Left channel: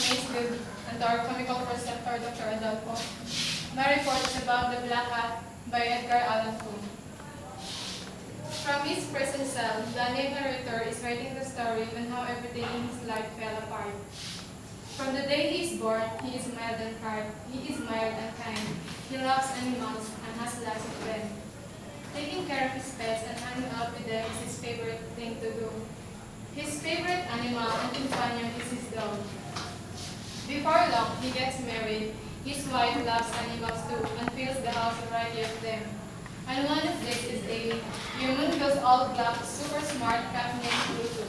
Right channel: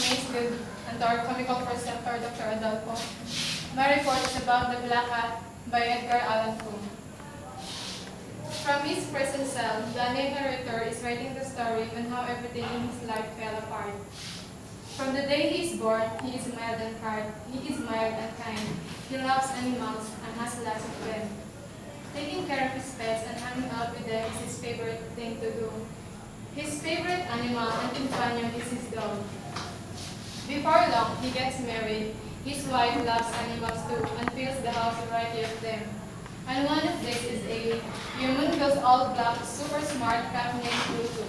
classmates, and our comical preceptor, Dr. Adolfo. My report is about The Black Cat by Edgar Allan. From his prison cell, the narrator is writing the story on how everything in his life fell apart. From the day he is born, he is mild and kind. He loves animals and has lots of them. Taking care of his pets and hanging out with them is his favorite thing to do. His favorite animal and companion is his dog. Before long, he gets married. His wife loves animals too and fills the house with a variety of them. And one of these is a humongous all black, super smart cat named Pluto.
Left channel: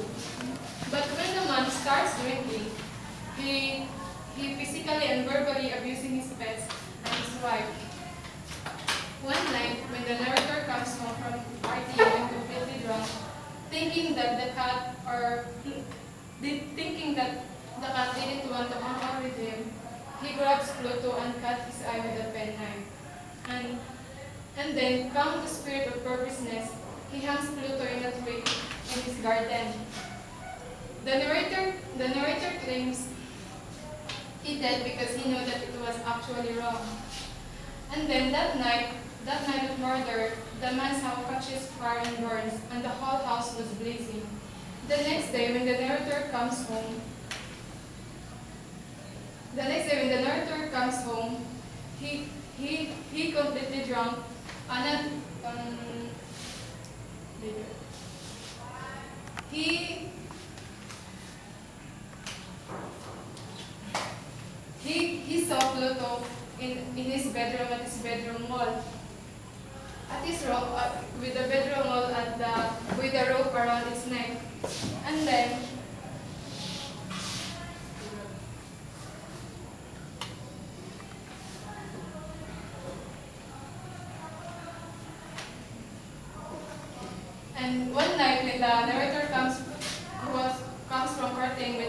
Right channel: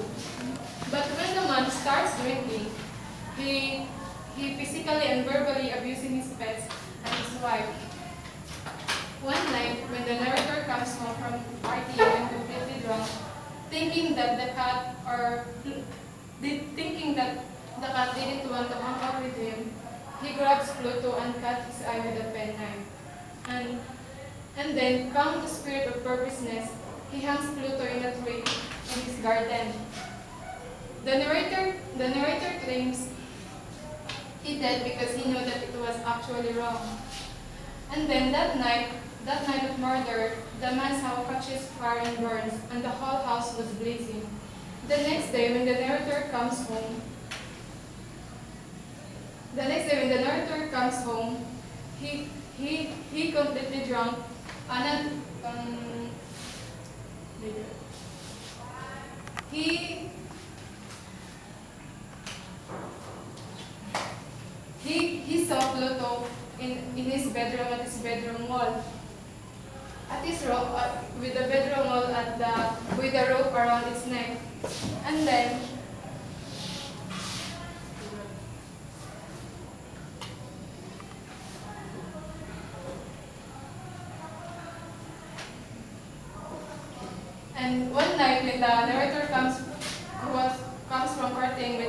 But when the man starts drinking, he physically and verbally abusing his pets and his wife. One night, when the narrator comes home from party and completely drunk, thinking that the cat didn't want to hang out with him, he grabs Pluto and cuts his eye with a penknife. And then, come the spirit of purposeness, he hangs Pluto in a tree in his garden. The narrator claims he did because he knew that it was actually wrong. And then that night of murder, the man's house catches fire and burns, and the whole house was blazing. The next day, when the narrator comes home, he completely drunk, he saw Pluto in his bedroom at his bedroom wall. With the bedroom wall with a rope around its neck. And then one night when the narrator comes from courting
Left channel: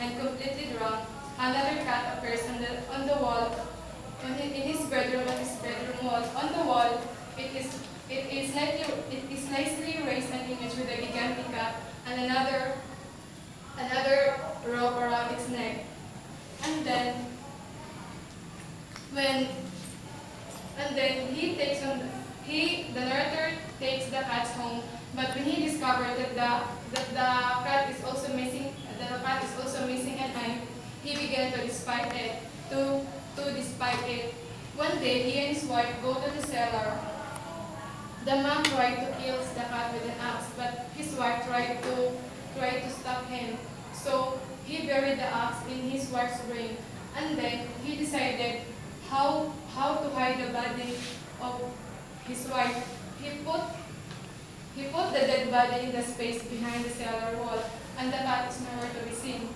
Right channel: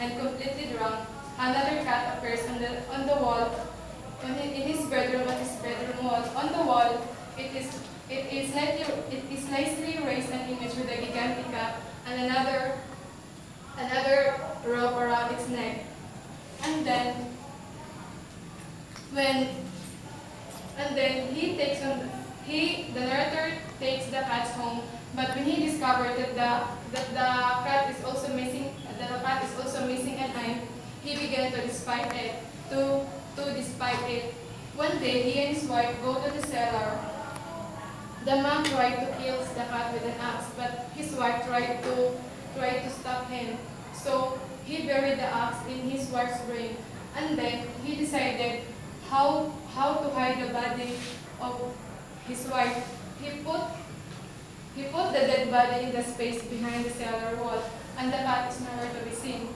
and completely drunk, another cat appears on the wall in his bedroom at his bedroom wall. On the wall, it is nicely raised an image with a gigantic cat and another rope around its neck. And then the narrator takes the cat home, but when he discovered that the cat is also missing an eye, he began to despise it. One day, he and his wife go to the cellar. The man tried to kill the cat with an axe, but his wife tried to stop him. So he buried the axe in his wife's brain, and then he decided how to hide the body of his wife. He put the dead body in the space behind the cellar wall, and the cat is nowhere to be seen.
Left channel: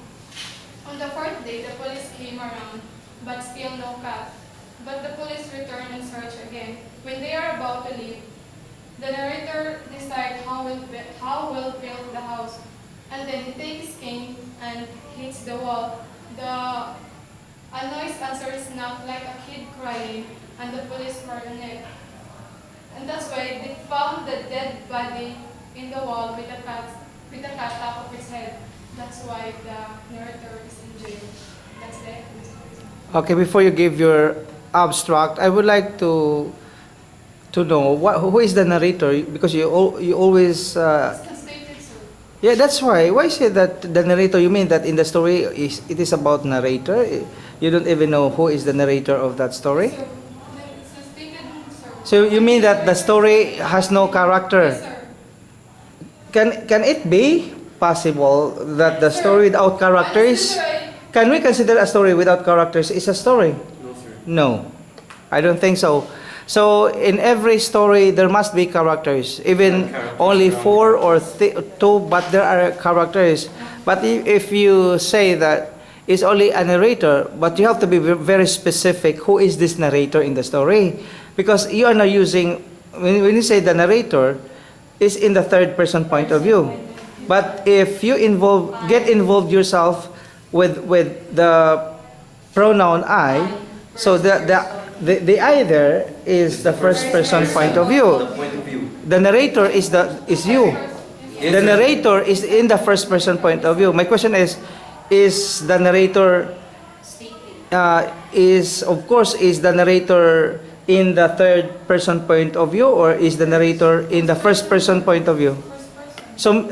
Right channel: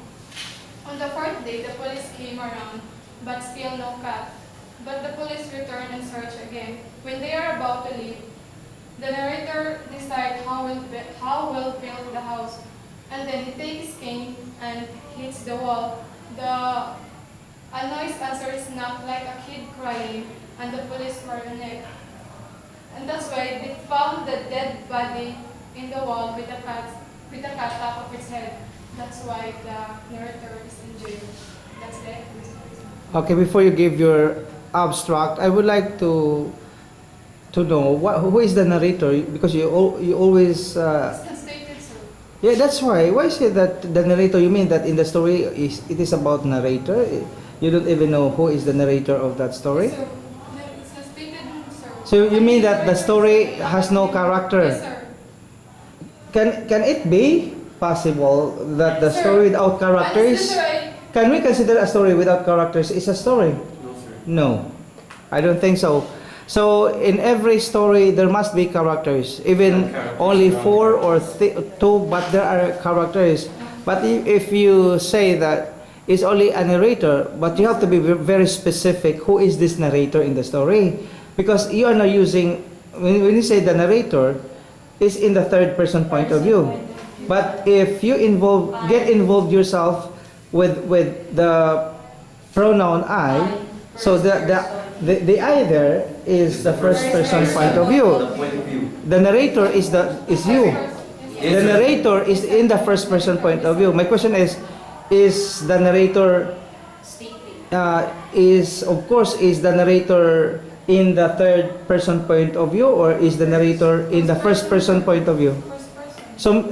On the fourth day, the police came around, but still no cat. But the police returned and searched again. When they are about to leave, the narrator decides how will build the house, and then he takes his cane and hits the wall. A noise answers knock like a kid crying, and the police were on it. And that's why they found the dead body in the wall with a cat top of its head. That's why the narrator is in jail. That's it. Okay, before you give your abstract, I would like to know who is the narrator, because you always It's constated, sir. yeah, that's why. Why say that the narrator? You mean that in the story it is about narrator? You don't even know who is the narrator of that story? Sir, it's constated, sir. So you mean that the story has no character? Yes, sir. Can it be possible that the story without characters? Can we consider a story without characters is a story? No, sir. No, I don't think so. So in every story there must be characters, even only 4 or 2, but there are characters. But if you say that it's only a narrator, but you have to be very specific, who is this narrator in the story? Because you are not using, when you say the narrator, is in the third person point of view. But if you get involved yourself with the pronoun I, so the I there is the first person point of view. The narrator is you. The narrator is in the first person point of view. My question is, is the narrator is of course is the narrator in the third person point of view, or is the narrator in the first person point of view? First person. So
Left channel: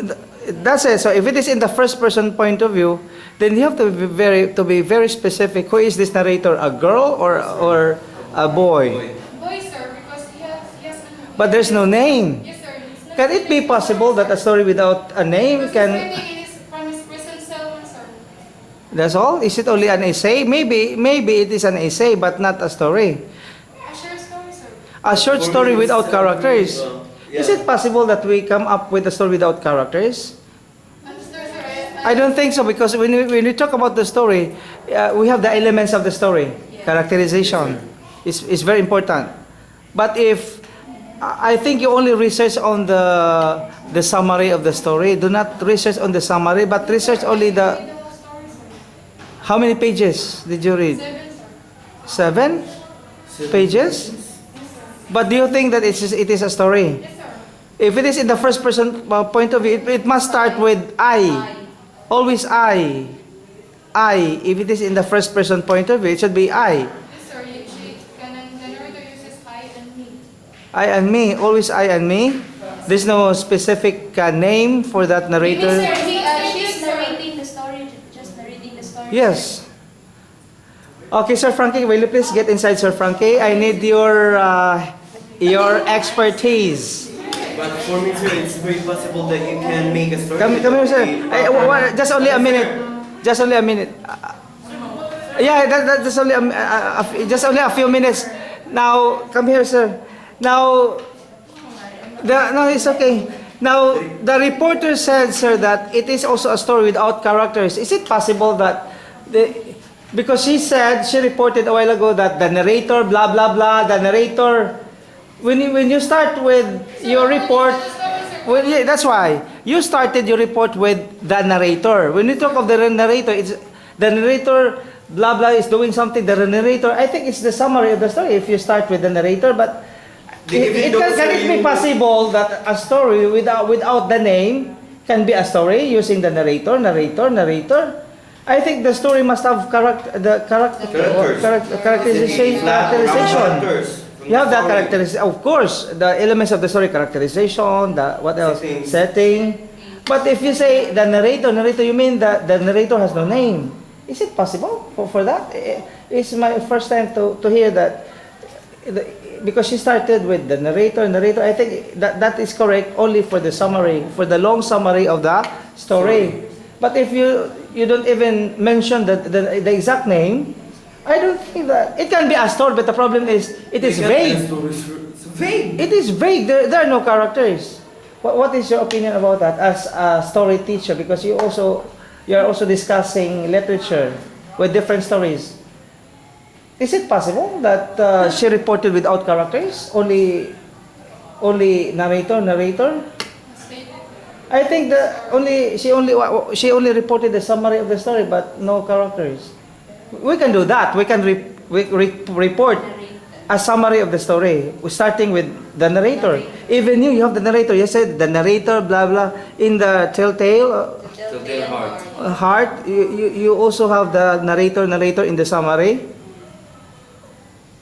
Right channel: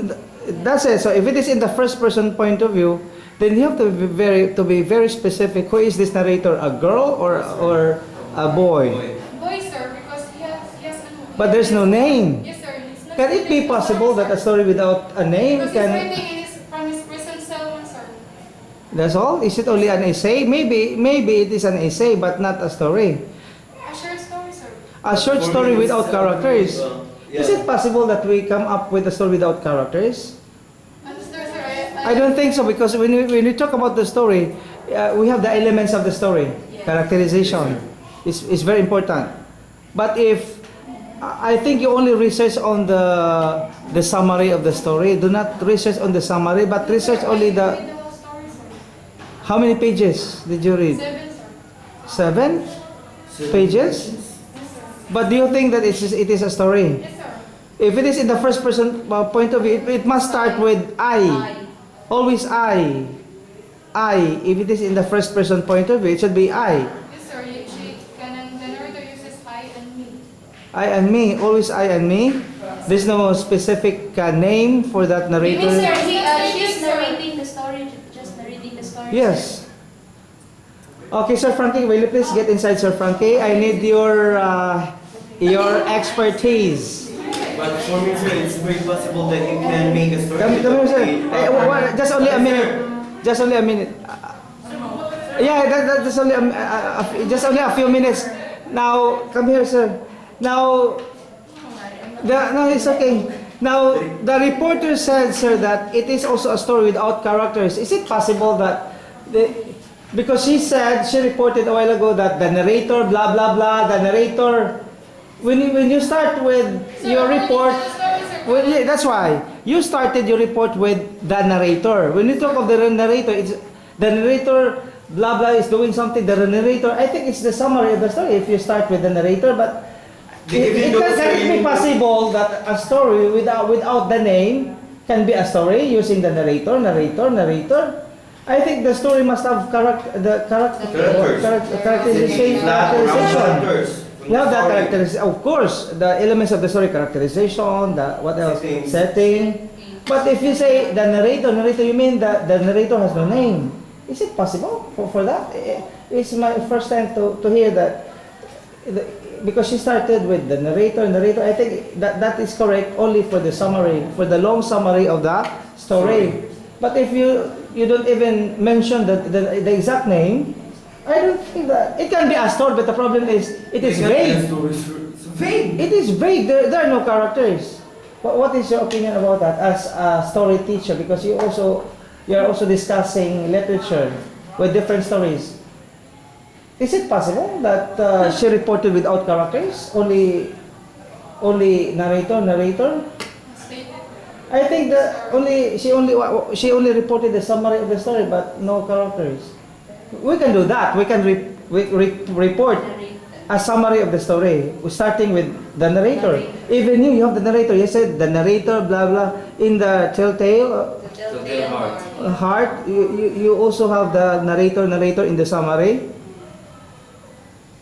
that's it. So if it is in the first person point of view, then you have to be very specific. Who is this narrator? A girl or a boy? Boy, sir, because he has a But there's no name. Yes, sir. It's not Can it be related, possible sir. that a story without a name Because he's can? writing in from his prison cell, sir. That's all? Is it only an essay? Maybe it is an essay, but not a story. A short story, sir. A short story without characters. Yeah. Is it possible that we come up with a story without characters? Understand, sir? I don't think so, because when we talk about the story, we have the elements of the story. Yes. Characterization is very important. But if I think you only research on the summary of the story, do not research on the summary, but research only Read the. the whole story, sir. How many pages did you read? 7, sir. 7 pages? Yes, sir. But do you think that it is a story? Yes, sir. If it is in the first person point of view, it must start with I. Always I. I. If it is in the first person point of view, it should be I. Yes, sir. The narrator uses I and me. I and me. Always I and me. There's no specific name for that You mean, narrator. sir, she's narrating the story, just narrating the story? Yes. Okay, Sir Frankie, will you please get inside, Sir Frankie? I need your expertise. But for me, sir, it's very possible that you can make a story. Come here, sir. Just only a minute. Just only a minute. Yeah, that's only just only a few minutes. Now, come here, sir. Now, no, it's okay. Now, the reporter said, sir, that it is also a story without characters. Is it possible that because she reported a while ago that the narrator, blah blah blah, the narrator. When you start with your report, well, yeah, that's why you started your report with the narrator. When you talk of the narrator, it's the narrator, blah blah, is doing something. The narrator, I think it's the summary of the story. If you start with the narrator, but can it be possible that a story without the name can be a story using the narrator? I think the story must have characterization. You have the characterization, of course, the elements of the story, characterization, the what else? Setting. But if you say the narrator, you mean that the narrator has no name. Is it possible for that? It's my first time to hear that. Because she started with the narrator, I think that is correct only for the summary, for the long summary of the story. But if you don't even mention the exact name, I don't think that it can be a story. But the problem is it is vague. It is vague. There are no characters. What is your opinion about that as a story teacher? Because you are also discussing literature with different stories. Is it possible that she reported without characters? Only narrator? I think that she only reported the summary of the story, but no characters. We can do that. We can report a summary of the story, starting with the narrator. Even you have the narrator. You said the narrator, blah blah. In the telltale heart, you also have the narrator in the summary.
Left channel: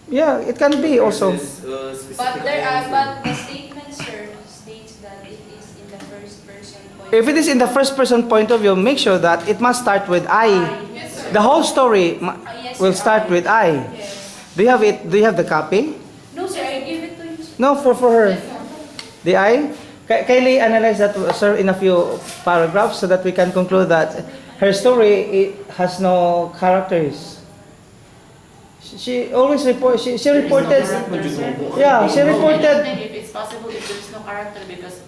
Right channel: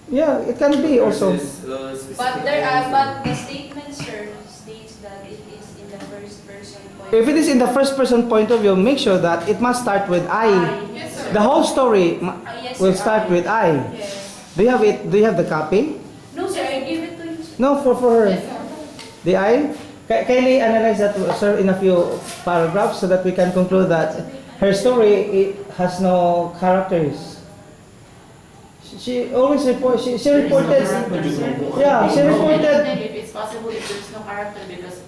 Yeah, it can be also. But the statement, sir, states that it is in the first person point. If it is in the first person point of view, make sure that it must start with I. Yes, sir. The whole story Yes, will sir. start with I. Yes. Do you have it? Do you have the copy? No, sir, I give it to you. No, for her. Yes, sir. The I. Kindly analyze that, sir, in a few paragraphs so that we can conclude that her story has no characters. She always reported. She reported. Yeah, she reported. If it's possible, if there's no character, because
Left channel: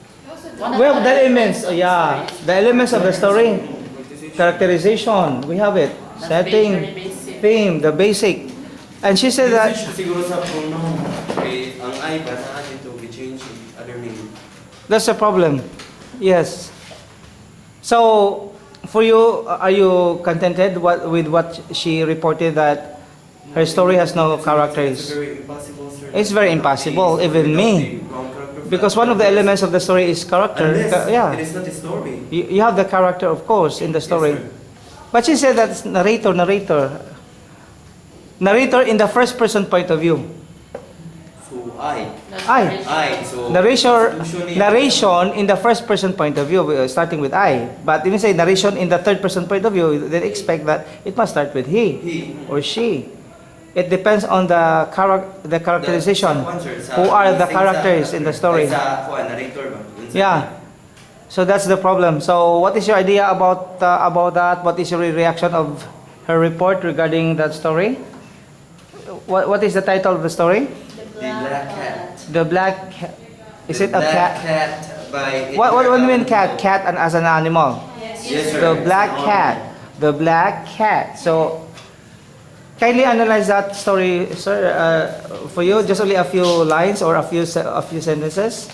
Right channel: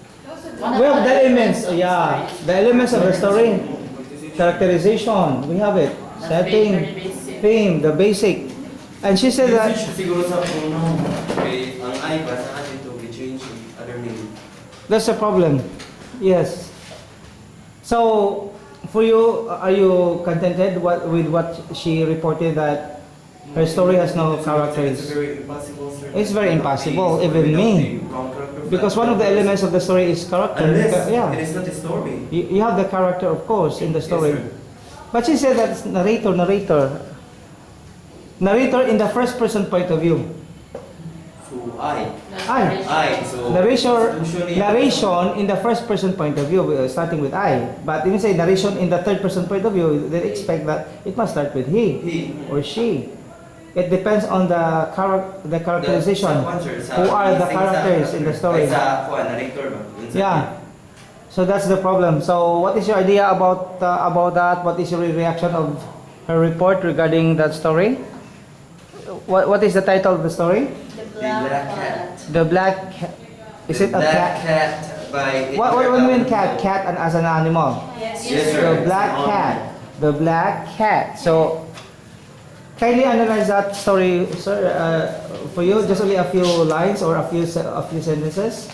Well, the elements. Yeah, the elements of the story. Characterization. We have it. Setting, theme, the basic. And she said that. Siguro sa puno, ang ay para sa atin to be changed other meaning. That's a problem. Yes. So, for you, are you contented with what she reported that her story has no characters? It's very impossible, sir. It's very impossible, even me. Because one of the elements of the story is character. Unless Yeah. it is not a story. You have the character, of course, in the story. Yes, sir. But she said that's narrator in the first person point of view. So I. So Narration in the first person point of view, starting with I. But if you say narration in the third person point of view, they expect that it must start with he or she. It depends on the characterization. Who are the characters in the story? Yeah. So that's the problem. So what is your idea about that? What is your reaction of her report regarding that story? What is the title of the story? The black cat. The black cat. Is it a cat? Cat by What do you mean cat? Cat and as an animal. Yes. Yes, sir. The black cat. The black cat. So kindly analyze that story, sir, for you. Just only a few lines or a few sentences.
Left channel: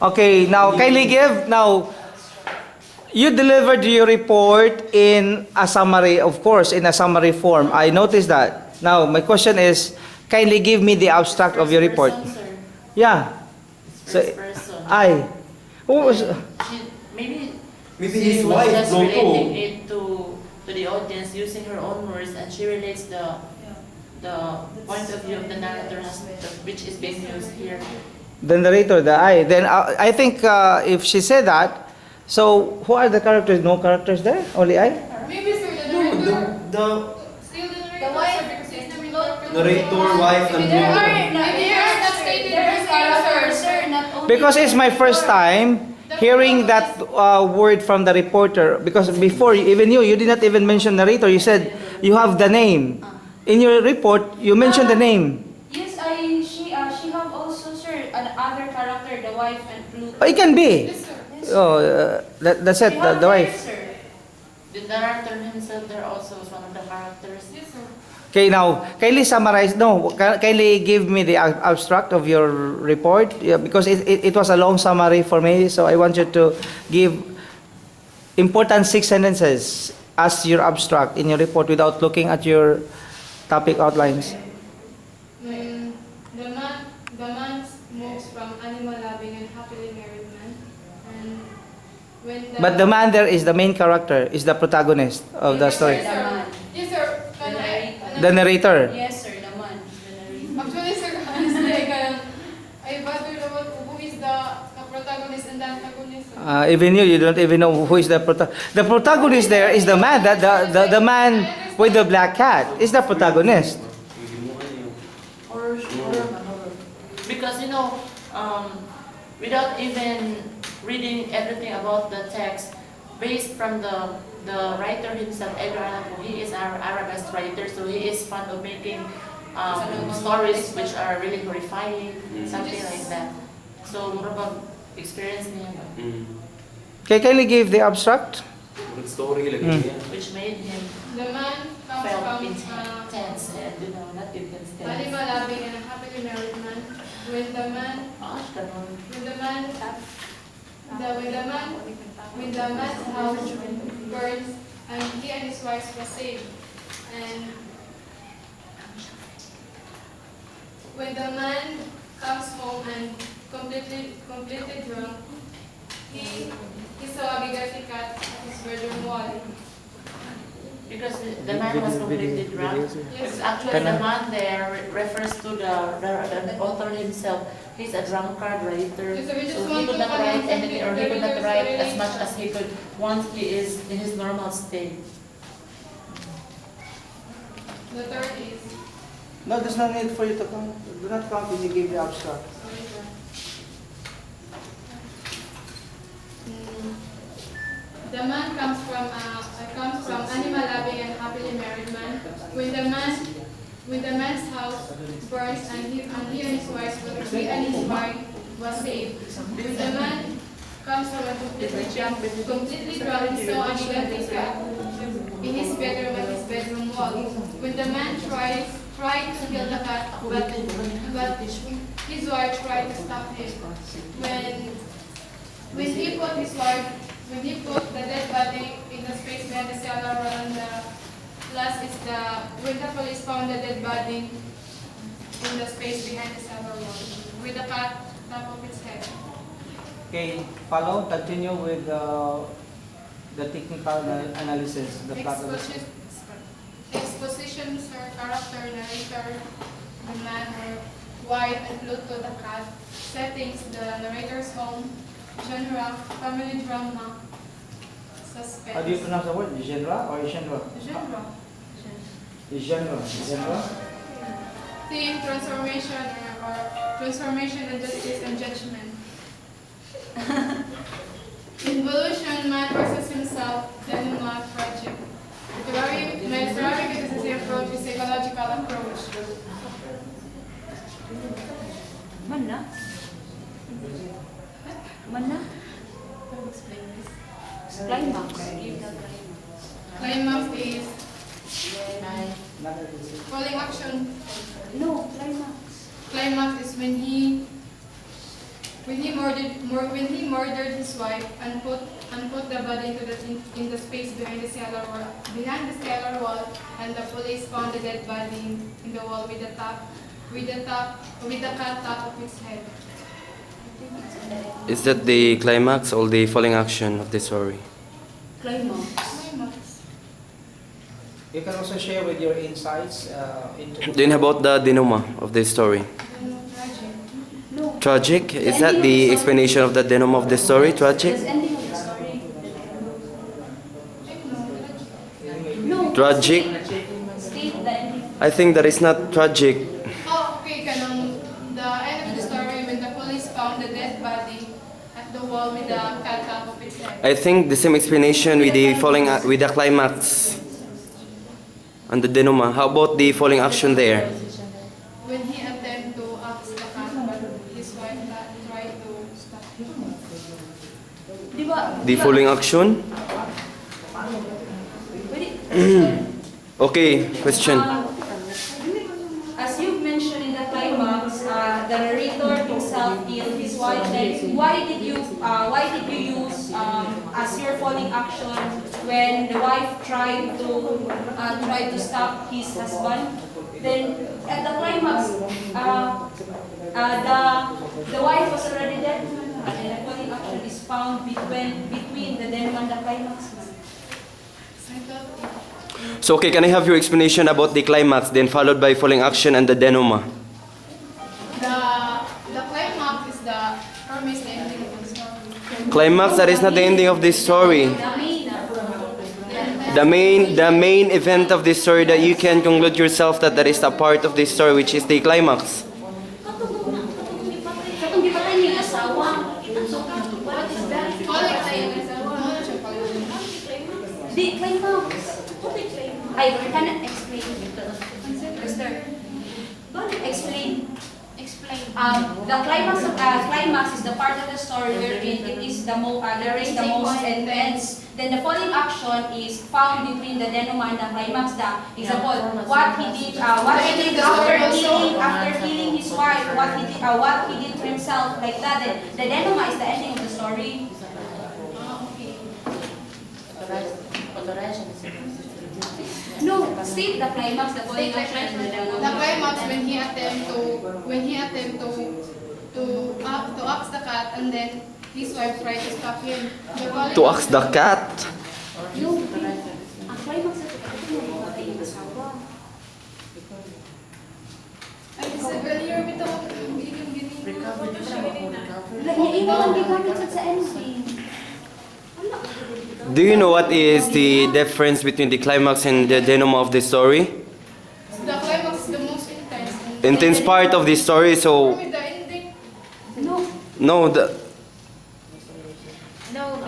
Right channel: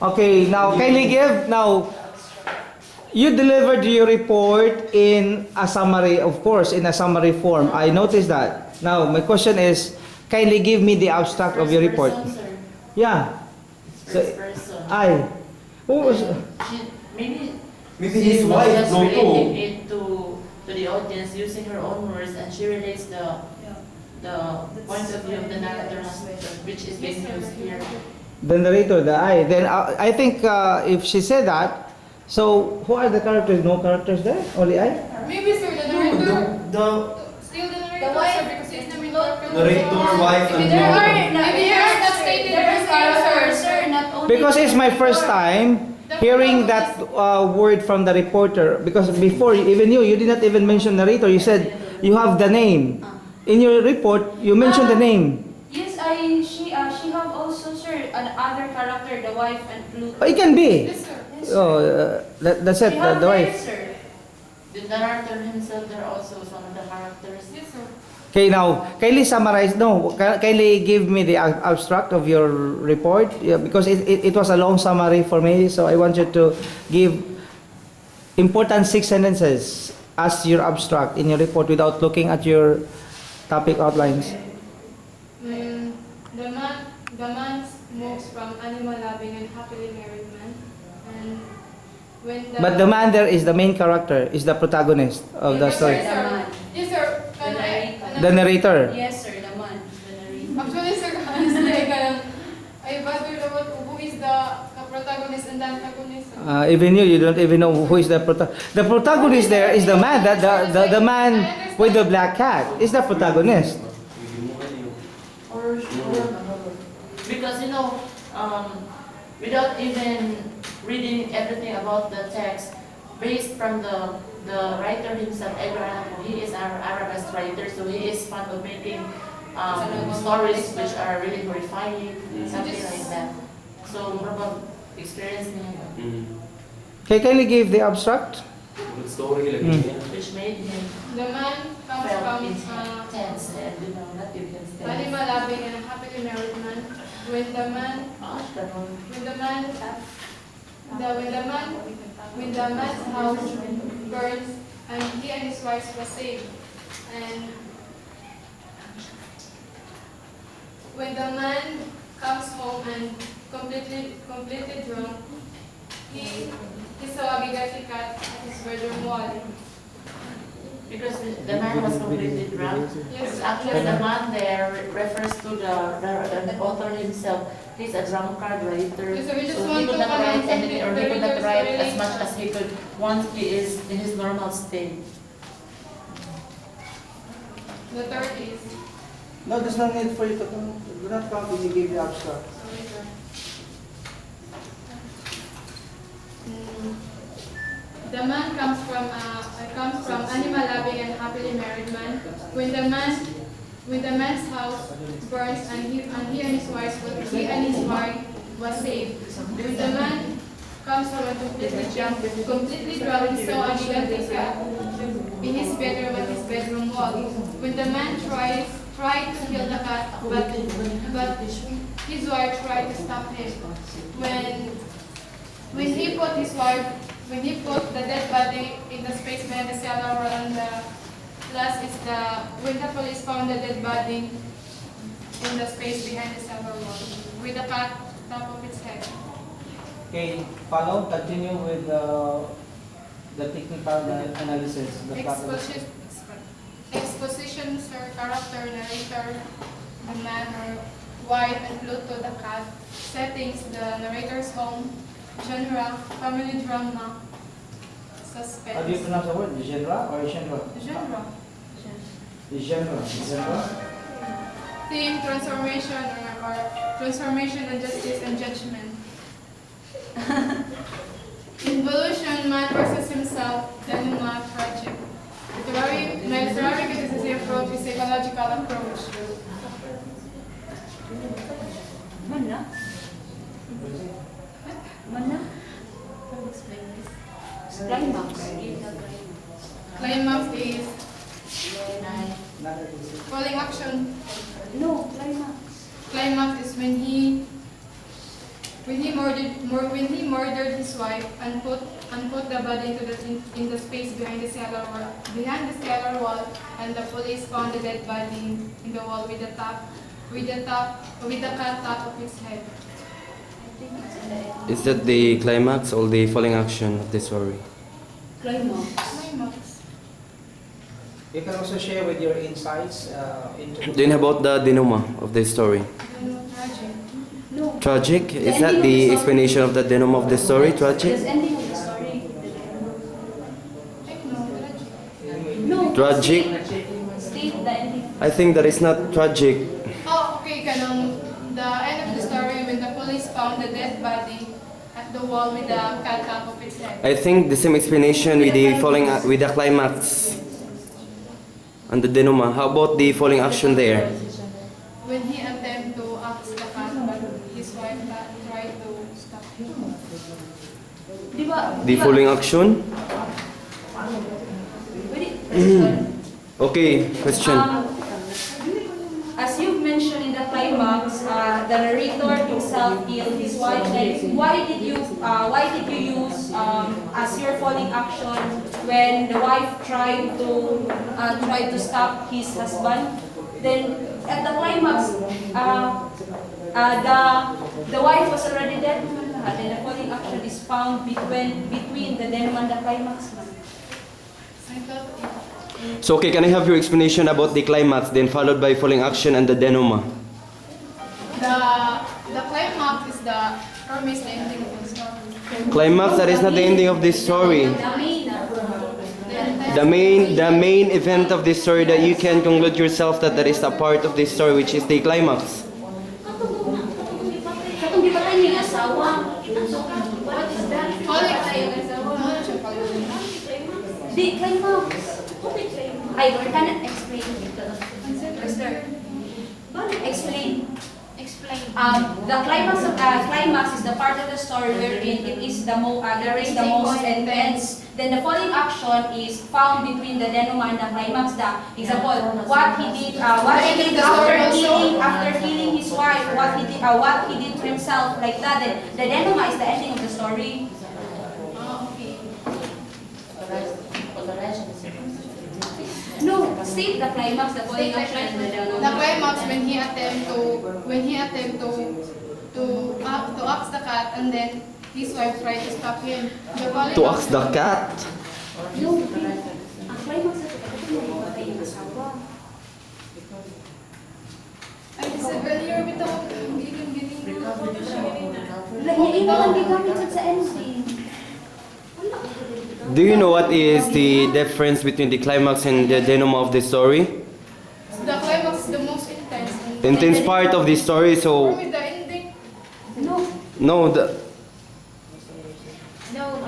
Okay, now kindly give. Now, you delivered your report in a summary, of course, in a summary form. I noticed that. Now, my question is, kindly give me the abstract of your report. First person, sir. Yeah. So, First person. I. Who was? Maybe Maybe she his was wife just no relating too. it to the audience using her own words, and she relates the point of view of the narrator, which is being used here. The narrator, the I. Then I think if she said that, so who are the characters? No characters there? Only I? Maybe sir, the narrator. The Still the narrator, The wife. sir, because he's the main character. narrator, wife, and There are, mother. maybe there are not stated there, sir. Not only Because it's my first time hearing that word from the reporter. Because before, even you did not even mention narrator. You said you have the name. In your report, you mentioned the name. Yes, she have also, sir, another character, the wife and Pluto. Oh, it can be. Yes, sir. Yes, Oh, that's it, She have the there, wife. sir. The narrator himself there also is one of the characters. Yes, sir. Okay, now, kindly summarize. No, kindly give me the abstract of your report. Yeah, because it was a long summary for me. So I want you to give important 6 sentences as your abstract in your report without looking at your topic outlines. The man moves from animal loving and happily married man, and when But the man there is the main character, is the protagonist of the Yes, story. Yes, sir. Yes, sir. The narrator. Yes, sir, the man. The narrator. Actually, sir, honestly, I bothered about who is the protagonist and the antagonist. Even you don't even know who is the protagonist. The protagonist there is the man, the man with the black cat is the protagonist. Or because without even reading everything about the text, based from the writer himself, Edgar, he is our Arabist writer, so he is fond of making stories which are really horrifying, something like that. So probably experience niya, Okay, kindly give the abstract. Story lagi Mm. niya. which made him The man comes felt from intense and not intense. animal loving and a happily married man. When the man Ganun. when the man's house burns and he and his wife were saved, and when the man comes home and completely drunk, he saw a bigati cat at his bedroom wall. Because the man was completely drunk. Yes, Actually, the man there refers to the author himself. He's a drunkard writer, Yes, so we just so he want could to not write comment anything, or he something could not very write as very- much as he could once he is in his normal state. The third is No, there's no need for you to count. Do not count when you give the abstract. sorry, sir. The man comes from animal loving and happily married man. When the man's house burns and he and his wife was saved. When the man comes from a completely drunk, he saw a gigantic cat in his bedroom at his bedroom wall. When the man tried to kill the cat, but his wife tried to stop him. When he put the dead body in the space behind the cellar, and the last is when the police found the dead body in the space behind the cellar wall with the cat top of its head. Okay, follow, continue with The technical analysis, the plot of the Exposition, exposition, sir, character, narrator, the manner, wife and Pluto, the cat, settings, the narrator's home, genre, family drama, suspense. How do you pronounce the word? Genre or genre? Genre. Genre. Theme, transformation, or transformation and justice and judgment. Involution, man versus himself, denouement, tragic. My literary criticism approach is psychological approach. Mana? Mana? Climax. Climax is falling action. No, climax. Climax is when he murdered his wife and put the body in the space behind the cellar wall, and the police found the dead body in the wall with the cut top of its head. Is that the climax or the falling action of the story? Climax. Climax. You can also share with your insights into. Then about the denouement of the story? Tragic. No. Tragic? Is that the explanation of the denouement of the story? Tragic? There's ending of the story. No, tragic. No. Tragic? State the ending. I think that is not tragic. Oh, okay. The end of the story when the police found the dead body at the wall with the cut top of its head. I think the same explanation with the with the climax and the denouement. How about the falling action there? When he attempted to axe the cat, but his wife tried to stop him. Di ba? The falling action? Wait. Okay, question. As you've mentioned in the climax, the narrator himself killed his wife. Then why did you use as your falling action when the wife tried to stop his husband? Then at the climax, the wife was already dead, and then the falling action is found between the denouement and the climax. So okay, can I have your explanation about the climax, then followed by falling action and the denouement? The climax is the promised ending of the story. Climax, that is not the ending of this story. The main event of this story that you can conclude yourself that is a part of this story, which is the climax. Katong gipatay niya asawa. What is that? The climax. I cannot explain. Explain. The climax is the part of the story wherein it is the most intense. Then the falling action is found between the denouement and the climax. The example, what he did after killing his wife, what he did to himself, like that. Then the denouement is the ending of the story. No, state the climax, the falling action. The climax when he attempt to axe the cat, and then his wife tried to stop him. To axe the cat? No, ang climax na ito mamatay yung asawa. I said earlier, bitaw, giling. Iba ang gigamit sa ending. Do you know what is the difference between the climax and the denouement of the story? The climax is the most intense. Intense part of the story, so With the ending, no,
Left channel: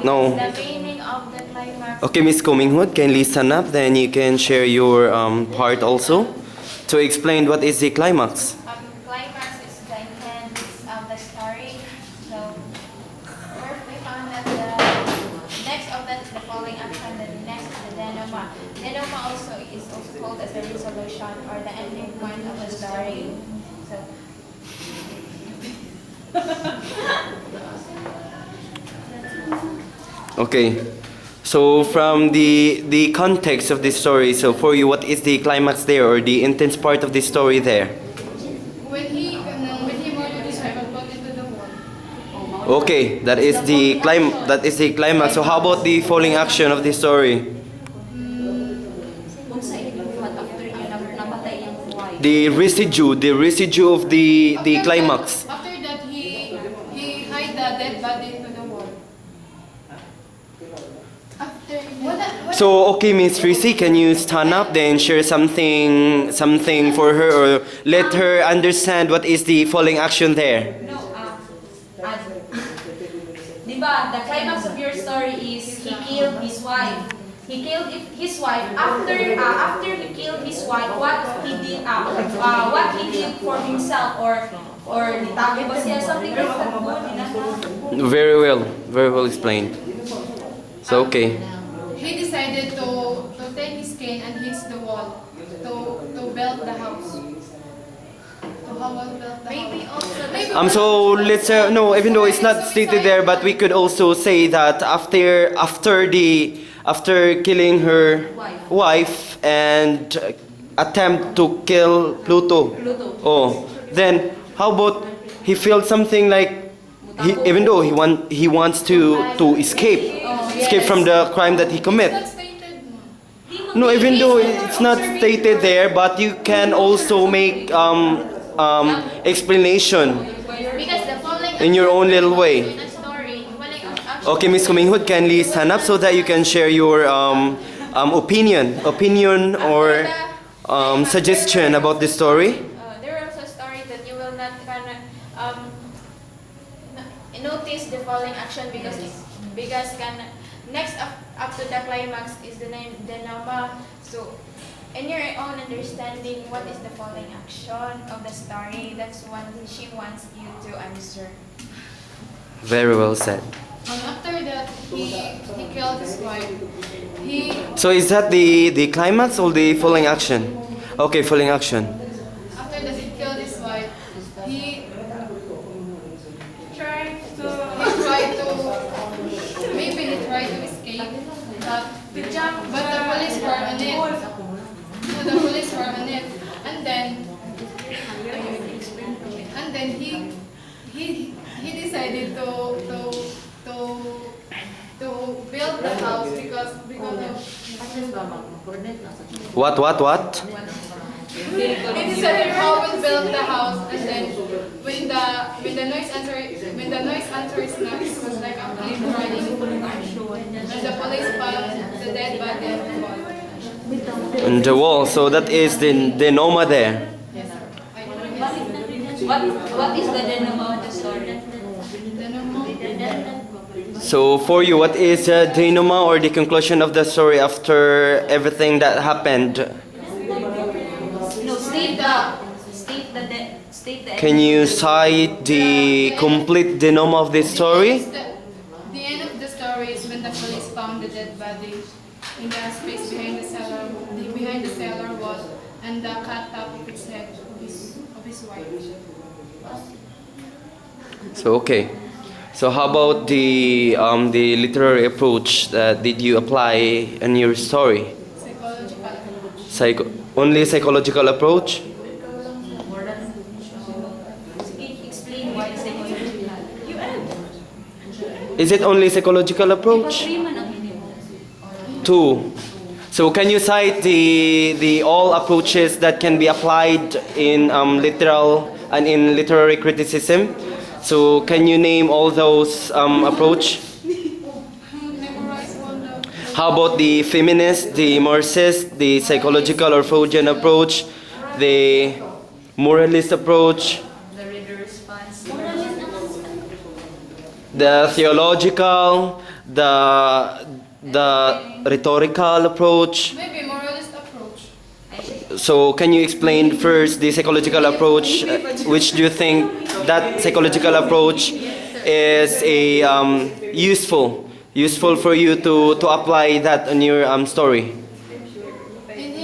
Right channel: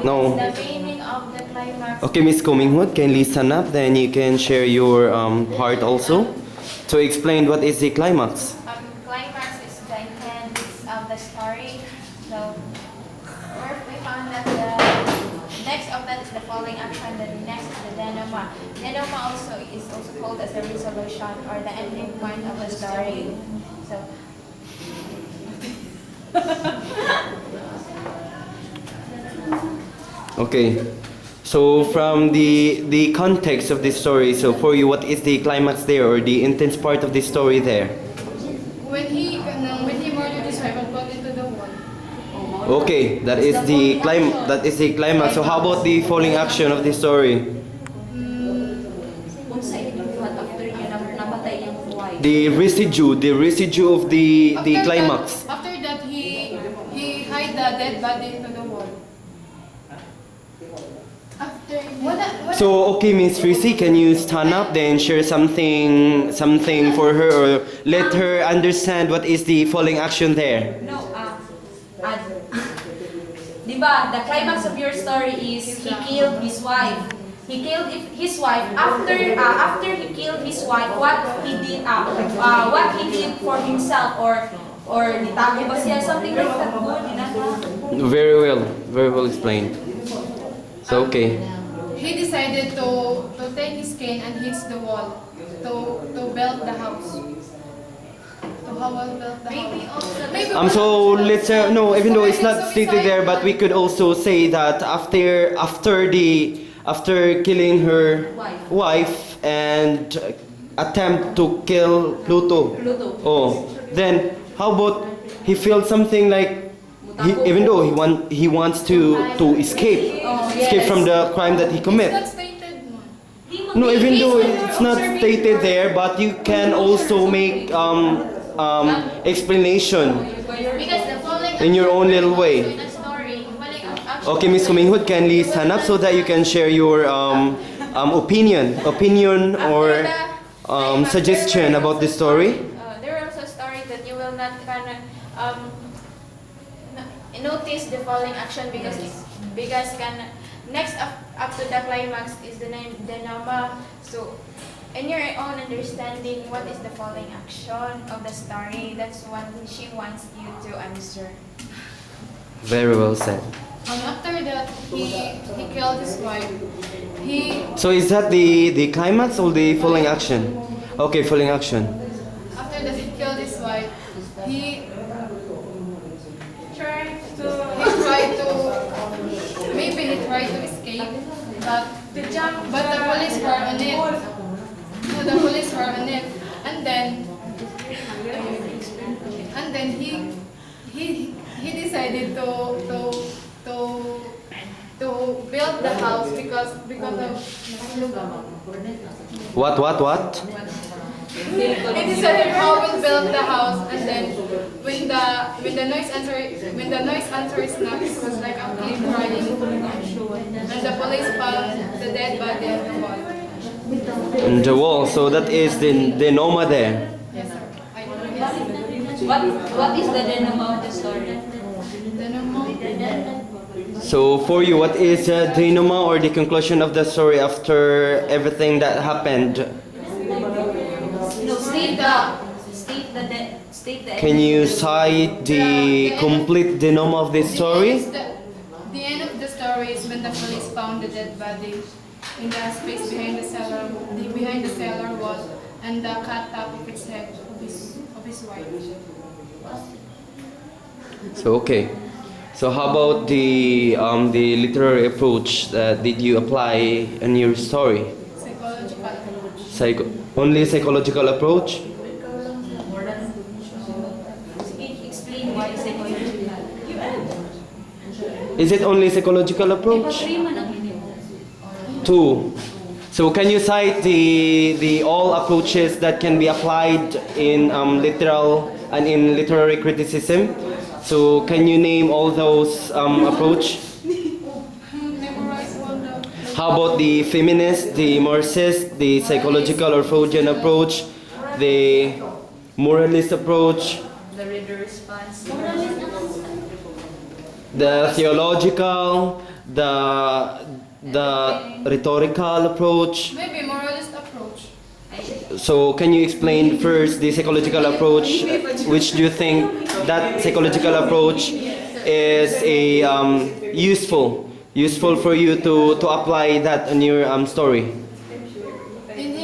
No. The meaning of the climax. Okay, Miss Kuminghut, kindly stand up, then you can share your part also to explain what is the climax. Climax is the intent of the story. So, where we found that the next of that is the following action, the next is the denouement. Denouement also is also called as the resolution or the ending point of the story. So, Okay, so from the context of this story, so for you, what is the climax there or the intense part of the story there? when he murdered his wife and put into the wall. Okay, that is the climax. So how about the falling action of the story? Unsa inibuhat after niya namatay yung wife? The residue of the climax. After that, he hide the dead body into the wall. After So okay, Miss Tracy, can you stand up then share something for her or let her understand what is the falling action there? No, di ba, the climax of your story is he killed his wife. He killed his wife. After he killed his wife, what he did for himself or nitago ba siya, something like that. Very well explained. So okay. he decided to take his cane and hit the wall to build the house. To how well build the Maybe house. also Maybe So let's no, even though it's not stated there, but we could also say that after killing her wife and attempt to kill Pluto. Oh, then how about he felt something like even though he wants to escape from the crime that he it's commit. not stated. No, even though it's not stated there, but you can also make explanation because the falling in your own little way. in a story, falling action. Okay, Miss Kuminghut, kindly stand up so that you can share your opinion or suggestion about the story. There are also stories that you will not kind of notice the falling action because can next up to the climax is the name denouement. So in your own understanding, what is the falling action of the story? That's what she wants you to answer. Very well said. After that, he killed his wife. So is that the climax or the falling action? Okay, falling action. After that, he killed his wife. He tried to escape, but the police were on it. The police were on it, and then he decided to build the house because of What? he decided how to build the house, and then when the noise answers knock, it was like a cliff riding, and the police found the dead body on the wall. On the wall. So that is the Noma there. Yes, sir. What is the denouement of the story? So for you, what is the denouement or the conclusion of the story after everything that happened? No, state the Can you cite the complete denouement of this story? The end of the story is when the police found the dead body in the space behind the cellar wall, and the cat topped its head of his wife. So okay. So how about the literary approach that did you apply in your story? Psychological. Only psychological approach? explain why psychological. Is it only psychological approach? Two. So can you cite the all approaches that can be applied in literal and in literary criticism? So can you name all those approach? Memorize one of How about the feminist, the Marxist, the psychological or Freudian approach, the moralist approach, The reader response. the theological, the rhetorical approach? maybe moralist approach. So can you explain first the psychological approach? Which do you think that psychological approach is a useful for you to apply that on your story? In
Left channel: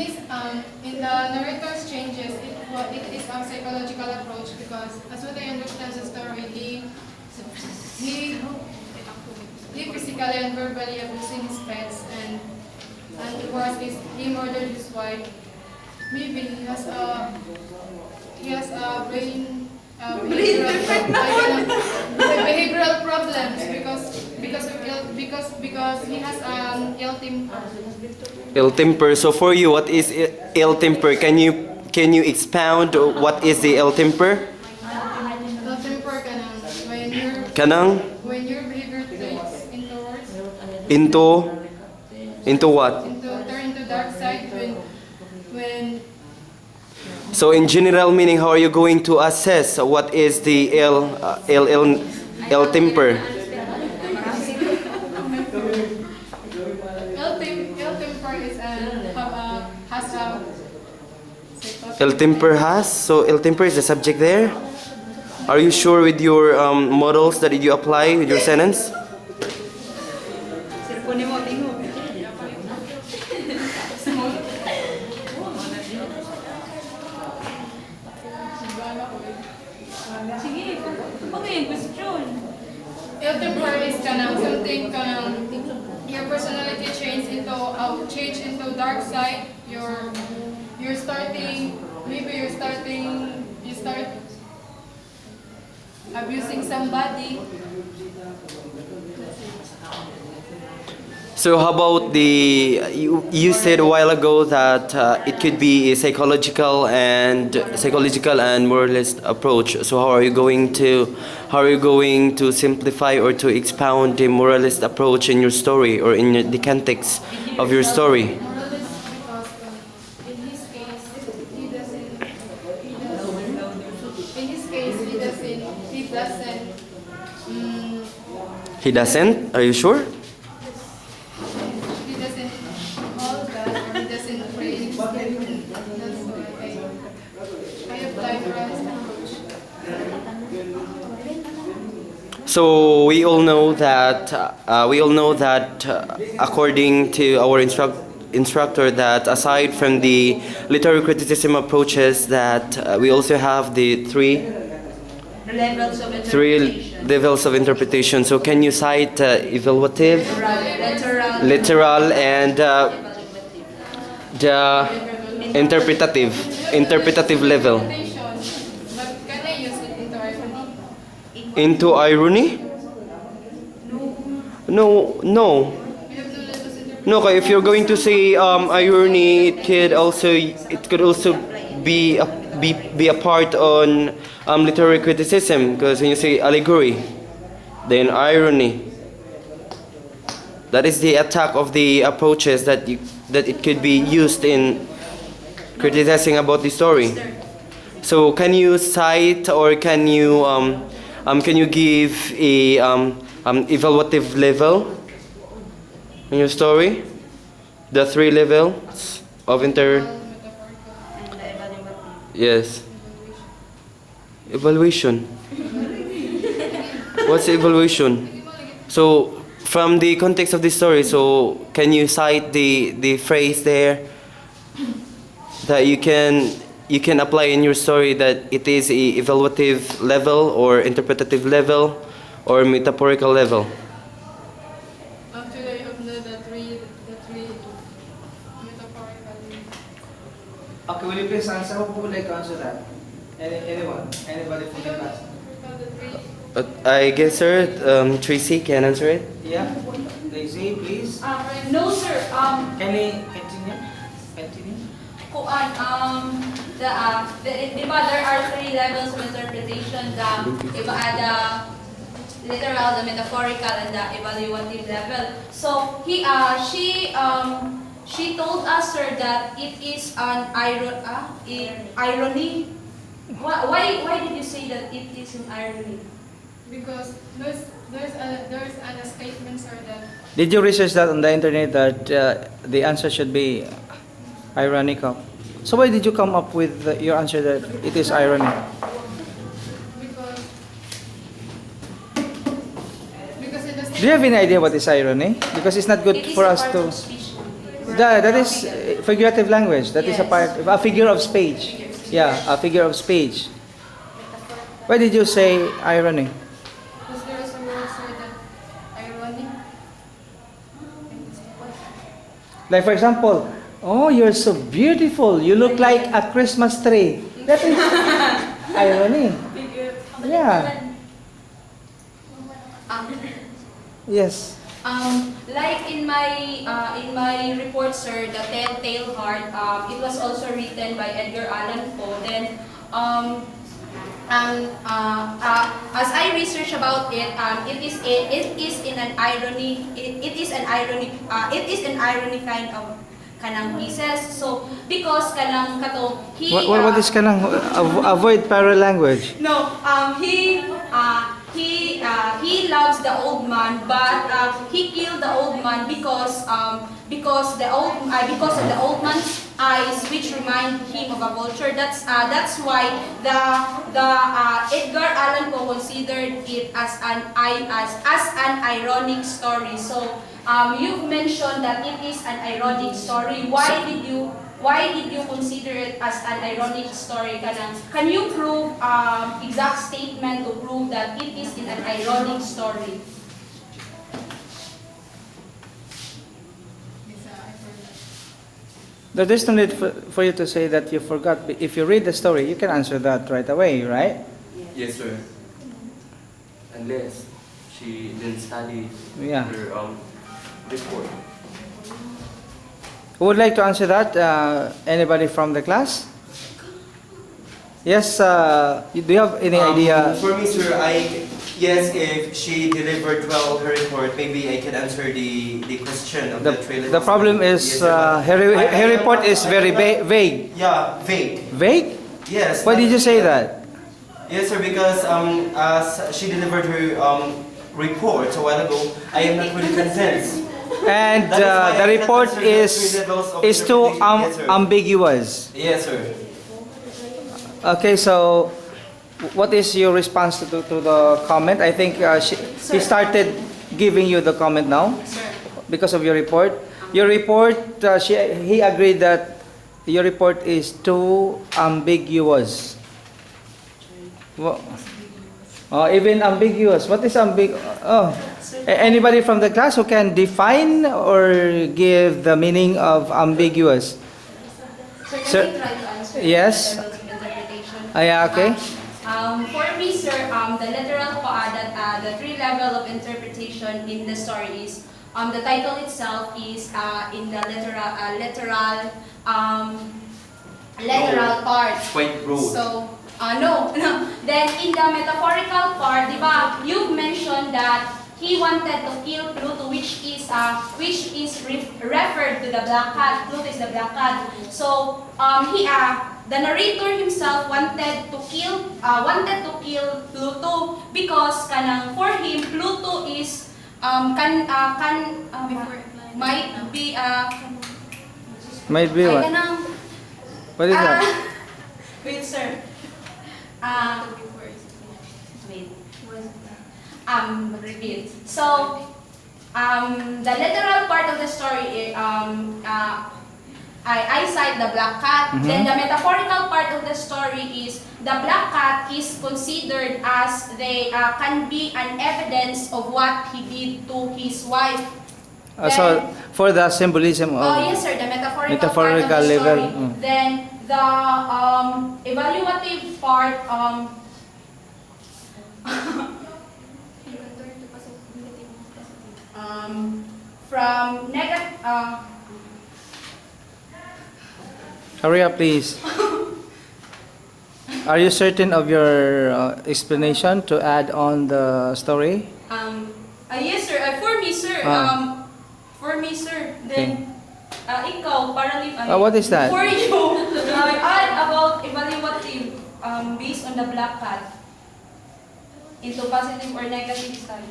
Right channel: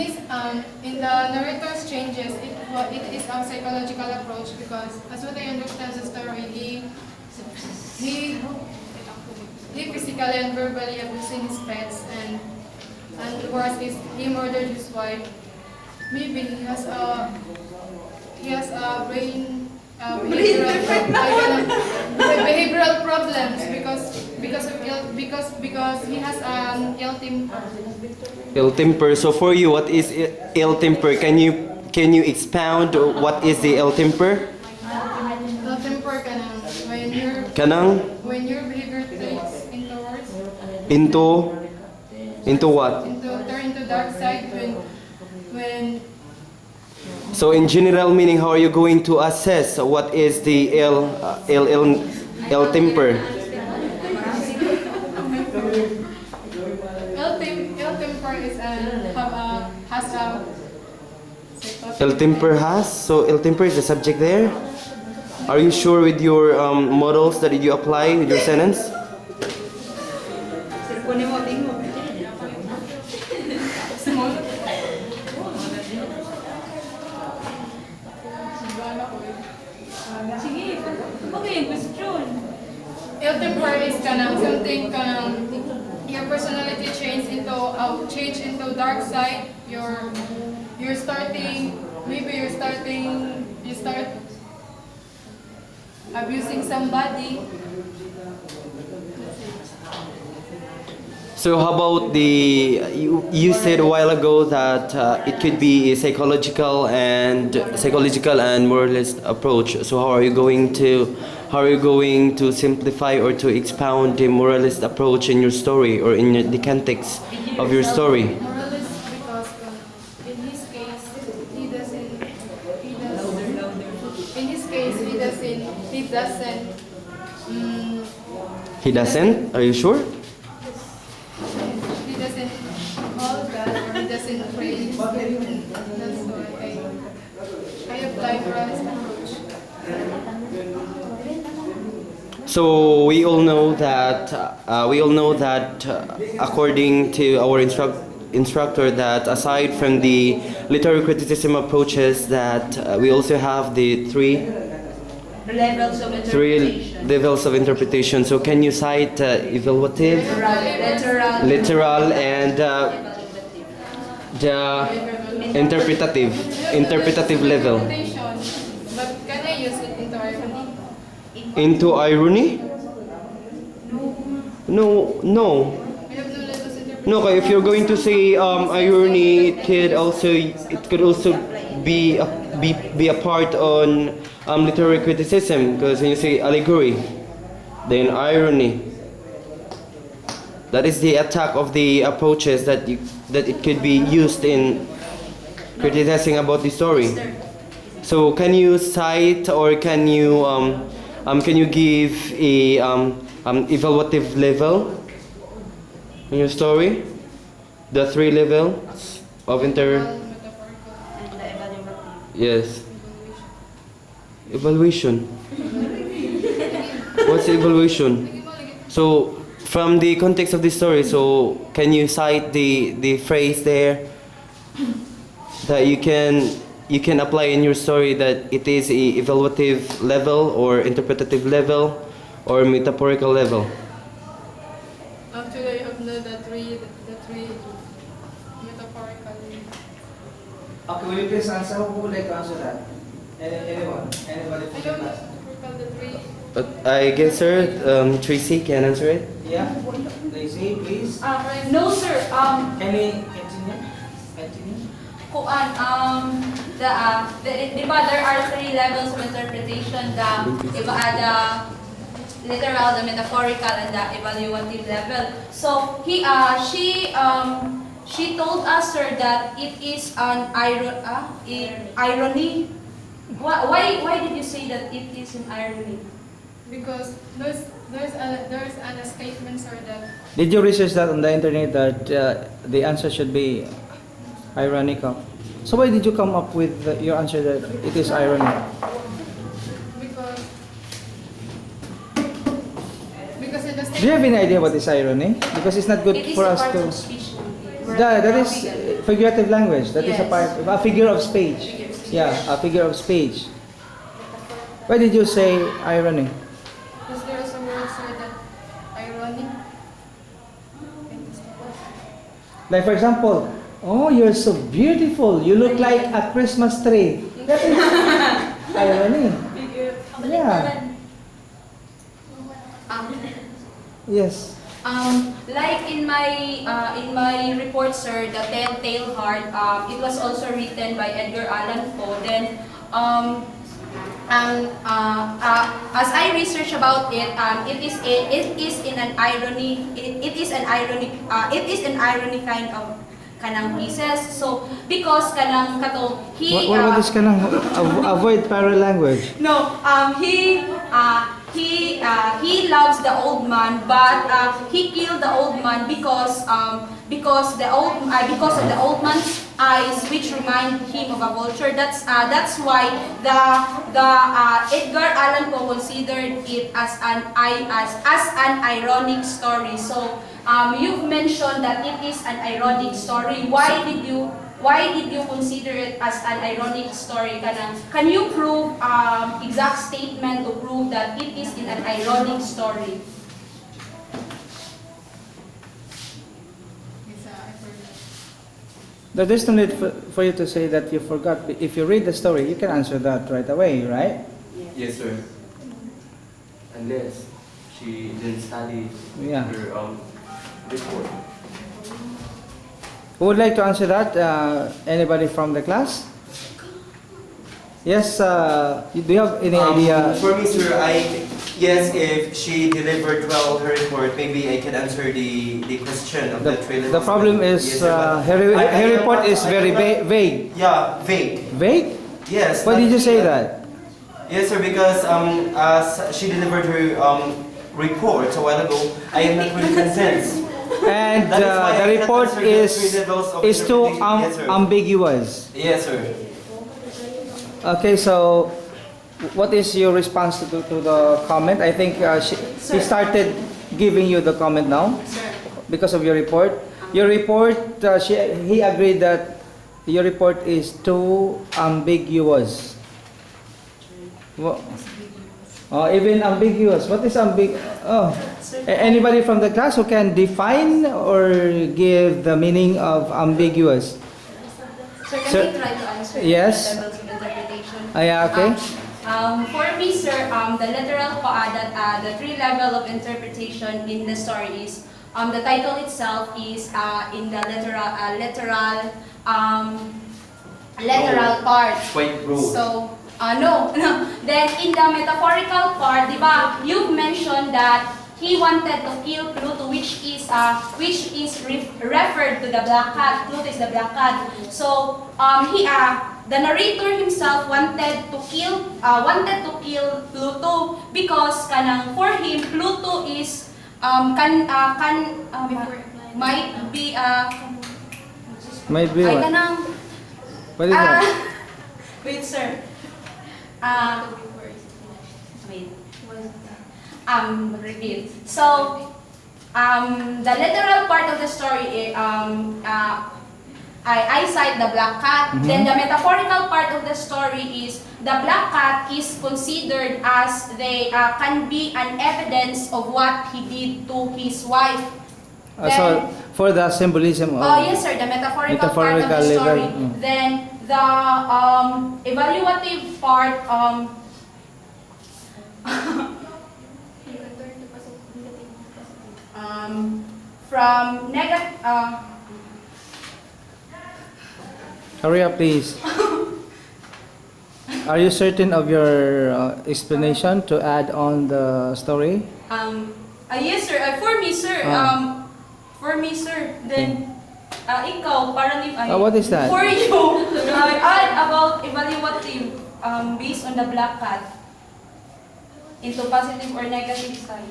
the narrator's changes, it is a psychological approach because as what I understand the story, he physically and verbally abusing his pets, and worse is he murdered his wife. Maybe he has a brain behavioral behavioral problems because he has ill temper. Ill temper. So for you, what is ill temper? Can you expound what is the ill temper? Ill temper Kanang when your behavior takes into words into what? turn to dark side when So in general meaning, how are you going to assess what is the ill temper? ill temper is has a Ill temper has. So ill temper is the subject there. Are you sure with your models that you apply with your sentence? ill temper is something your personality change into dark side. You're starting maybe you start abusing somebody. So how about you said a while ago that it could be a psychological and moralist approach. So how are you going to simplify or to expound the moralist approach in your story or in the context of your story? Moralist because in his case he doesn't He doesn't? Are you sure? he doesn't call God or he doesn't pray. That's why I apply moralist approach. So we all know that according to our instructor that aside from the literary criticism approaches that we also have the three levels of interpretation. So can you cite evaluative, literal, and the interpretative level? But can I use it into irony? Into irony? No. We have to let us interpret. No, okay, if you're going to say irony, it could also be a part on literary criticism, because when you say allegory, then irony, that is the attack of the approaches that it could be used in criticizing about the story. So can you cite or can you give a evaluative level in your story? The three levels of Yes. Evaluation. What's evaluation? So from the context of the story, so can you cite the phrase there that you can apply in your story, that it is a evaluative level or interpretative level or metaphorical level? Actually, I have known the three metaphorical. Okay, will you please answer? Who would like to answer that? Anyone? Anybody I from the don't class? recall the three. I guess sir, Tracy can answer it. Yeah? Daisy, please. No, sir. Can we continue? Di ba there are three levels of interpretation, the literal, the metaphorical, and the evaluative level. So she told us, sir, that it is an irony. Why did you say that it is an irony? Because there's an statement, sir, that Did you research that on the internet that the answer should be ironical? So why did you come up with your answer that it is irony? because in the Do you have any idea what is irony? Because it's not good It is for a us part to. of speech. That is figurative language. That is a Yes. part, a figure of speech. Yeah, a figure of speech. Why did you say irony? because there is a word, sir, that ironic. Like for example, oh, you're so beautiful. You look like a Christmas tree. That is irony. Yeah. Yes. Like in my report, sir, the Telltale Heart, it was also written by Edgar Allan Poe. Then, as I research about it, it is in an irony. It is an irony kind of kanang pieces. So because kanang kato What is kanang avoid parallel language? no, he loves the old man, but he killed the old man because of the old man's eyes, which remind him of a vulture. That's why the Edgar Allan Poe considered it as an ironic story. So you've mentioned that it is an ironic story. Why did you consider it as an ironic story? Can you prove exact statement to prove that it is in an ironic story? There's no need for you to say that you forgot. If you read the story, you can answer that right away, right? Yes, sir. Unless she didn't study Yeah. her report. Who would like to answer that? Anybody from the class? Yes, do you have any idea? For me, sir, yes, if she delivered well her report, maybe I can answer the question of the trailer. The problem is Yes, sir, but her I report don't is know- very vague. Yeah, vague. Vague? Yes. Why but- did you say that? Yes, sir, because as she delivered her report a while ago, I am not really convinced. And That is why I the cannot report answer the is three levels of too interpretation. Yes, sir. ambiguous. Yes, sir. Okay, so what is your response to the comment? I think he started giving you the comment now because of your report. Your report, he agreed that your report is too ambiguous. Even ambiguous. What is ambiguous? Oh. Anybody from the class who can define or give the meaning of ambiguous? Sir, Sir, can I try to answer yes. the levels of interpretation? Yeah, okay. For me, sir, the literal the three level of interpretation in the story is the title itself is in the literal part. Quite broad. So no. Then in the metaphorical part, diba, you've mentioned that he wanted to kill Pluto, which is referred to the black cat. Pluto is the black cat. So the narrator himself wanted to kill Pluto because for him Pluto is might be Might be what? What is that? wait, sir. Wait. Repeat. So, the literal part of the story, I cite the black cat. Mhm. Then the metaphorical part of the story is the black cat is considered as they can be an evidence of what he did to his wife. So for the symbolism of Yes, sir, the metaphorical part of metaphorical the level. story. Then the evaluative part, from negative, Hurry up, please. Are you certain of your explanation to add on the story? yes, sir. For me, sir. Then, ikaw, parang What is that? For you, add about evaluative based on the black cat into positive or negative side.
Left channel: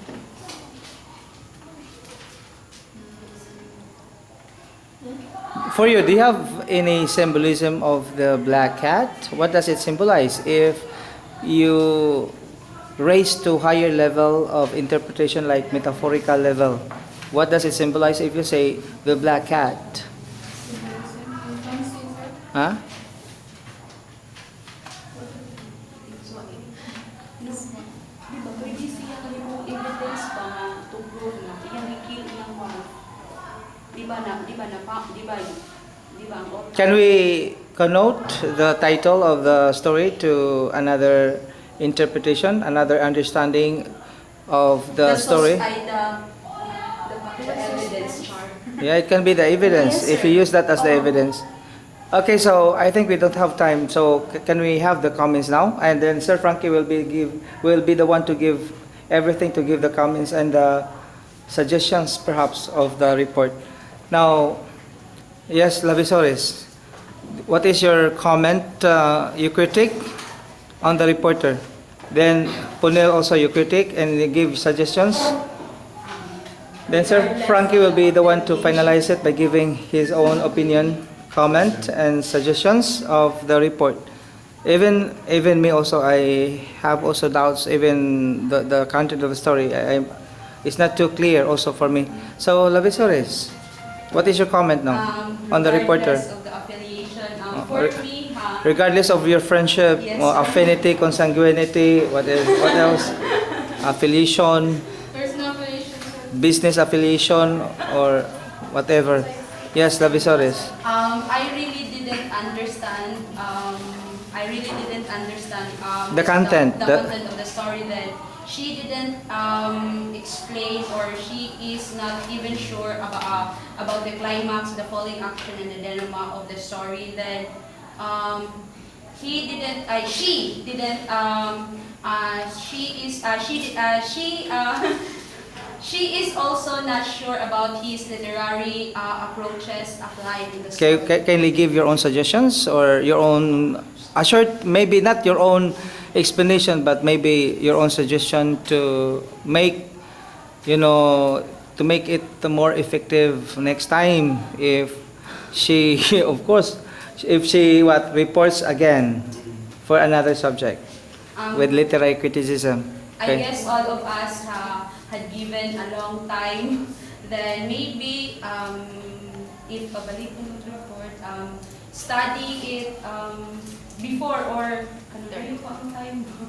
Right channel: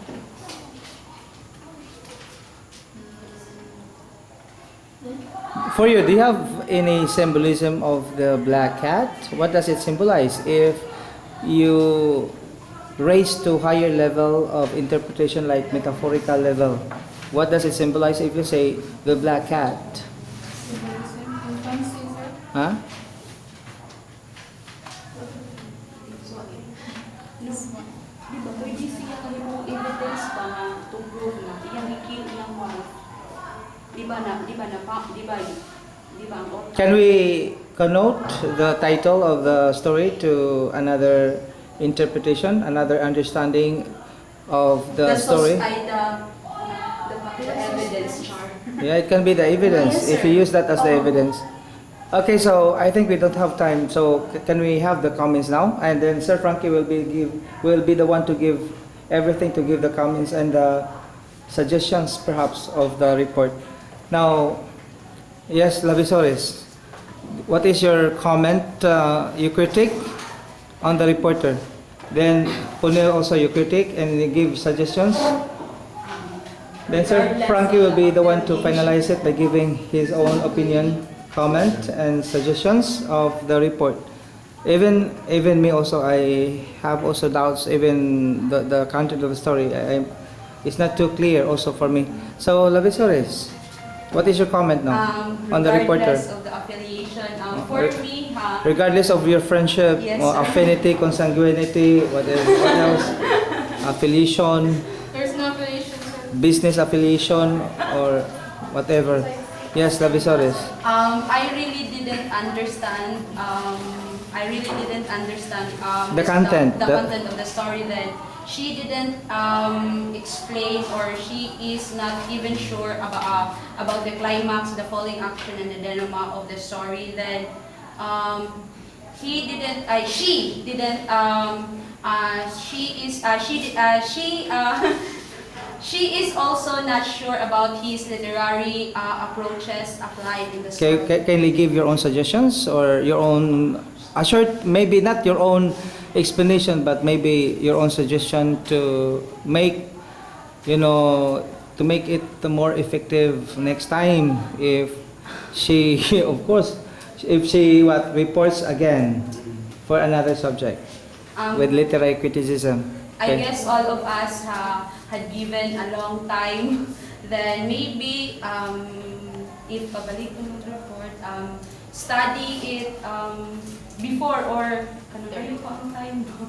For you, do you have any symbolism of the black cat? What does it symbolize? If you raise to higher level of interpretation like metaphorical level, what does it symbolize if you say the black cat? Huh? Diba, pwede siya kami po evidence pa nga to prove na iyang i-kill iyang wife. Diba ang author? Can we connote the title of the story to another interpretation, another understanding of the story? Yeah, it can be the evidence Yes, if sir. you use that as the Oo. evidence. Okay, so I think we don't have time. So can we have the comments now? And then Sir Frankie will be the one to give everything, to give the comments and the suggestions perhaps of the report. Now, yes, Lavisores, what is your comment? You critique on the reporter. Then Punil also you critique and you give suggestions. Then Sir Frankie will be the one to finalize it by giving his own opinion, comment, and suggestions of the report. Even me also, I have also doubts. Even the content of the story, it's not too clear also for me. So Lavisores, what is your comment now on the reporter? Regardless of the affiliation, for Re- me, Regardless of your friendship, Yes, or sir. affinity, consanguinity, what else? Affiliation, There's no affiliation, sir. business affiliation, or whatever. Yes, Lavisores. I really didn't understand. The content, The the- content of the story. That she didn't explain, or she is not even sure about the climax, the falling action, and the denouement of the story. Then he didn't. She didn't. She is. She is also not sure about his literary approaches applied in the story. Can you give your own suggestions or your own, a short, maybe not your own explanation, but maybe your own suggestion to make, to make it more effective next time if she, of course, if she reports again for another subject with literary criticism. I guess all of us had given a long time. Then maybe if pabalik mo yung report, study it before or ano pa ang time ba?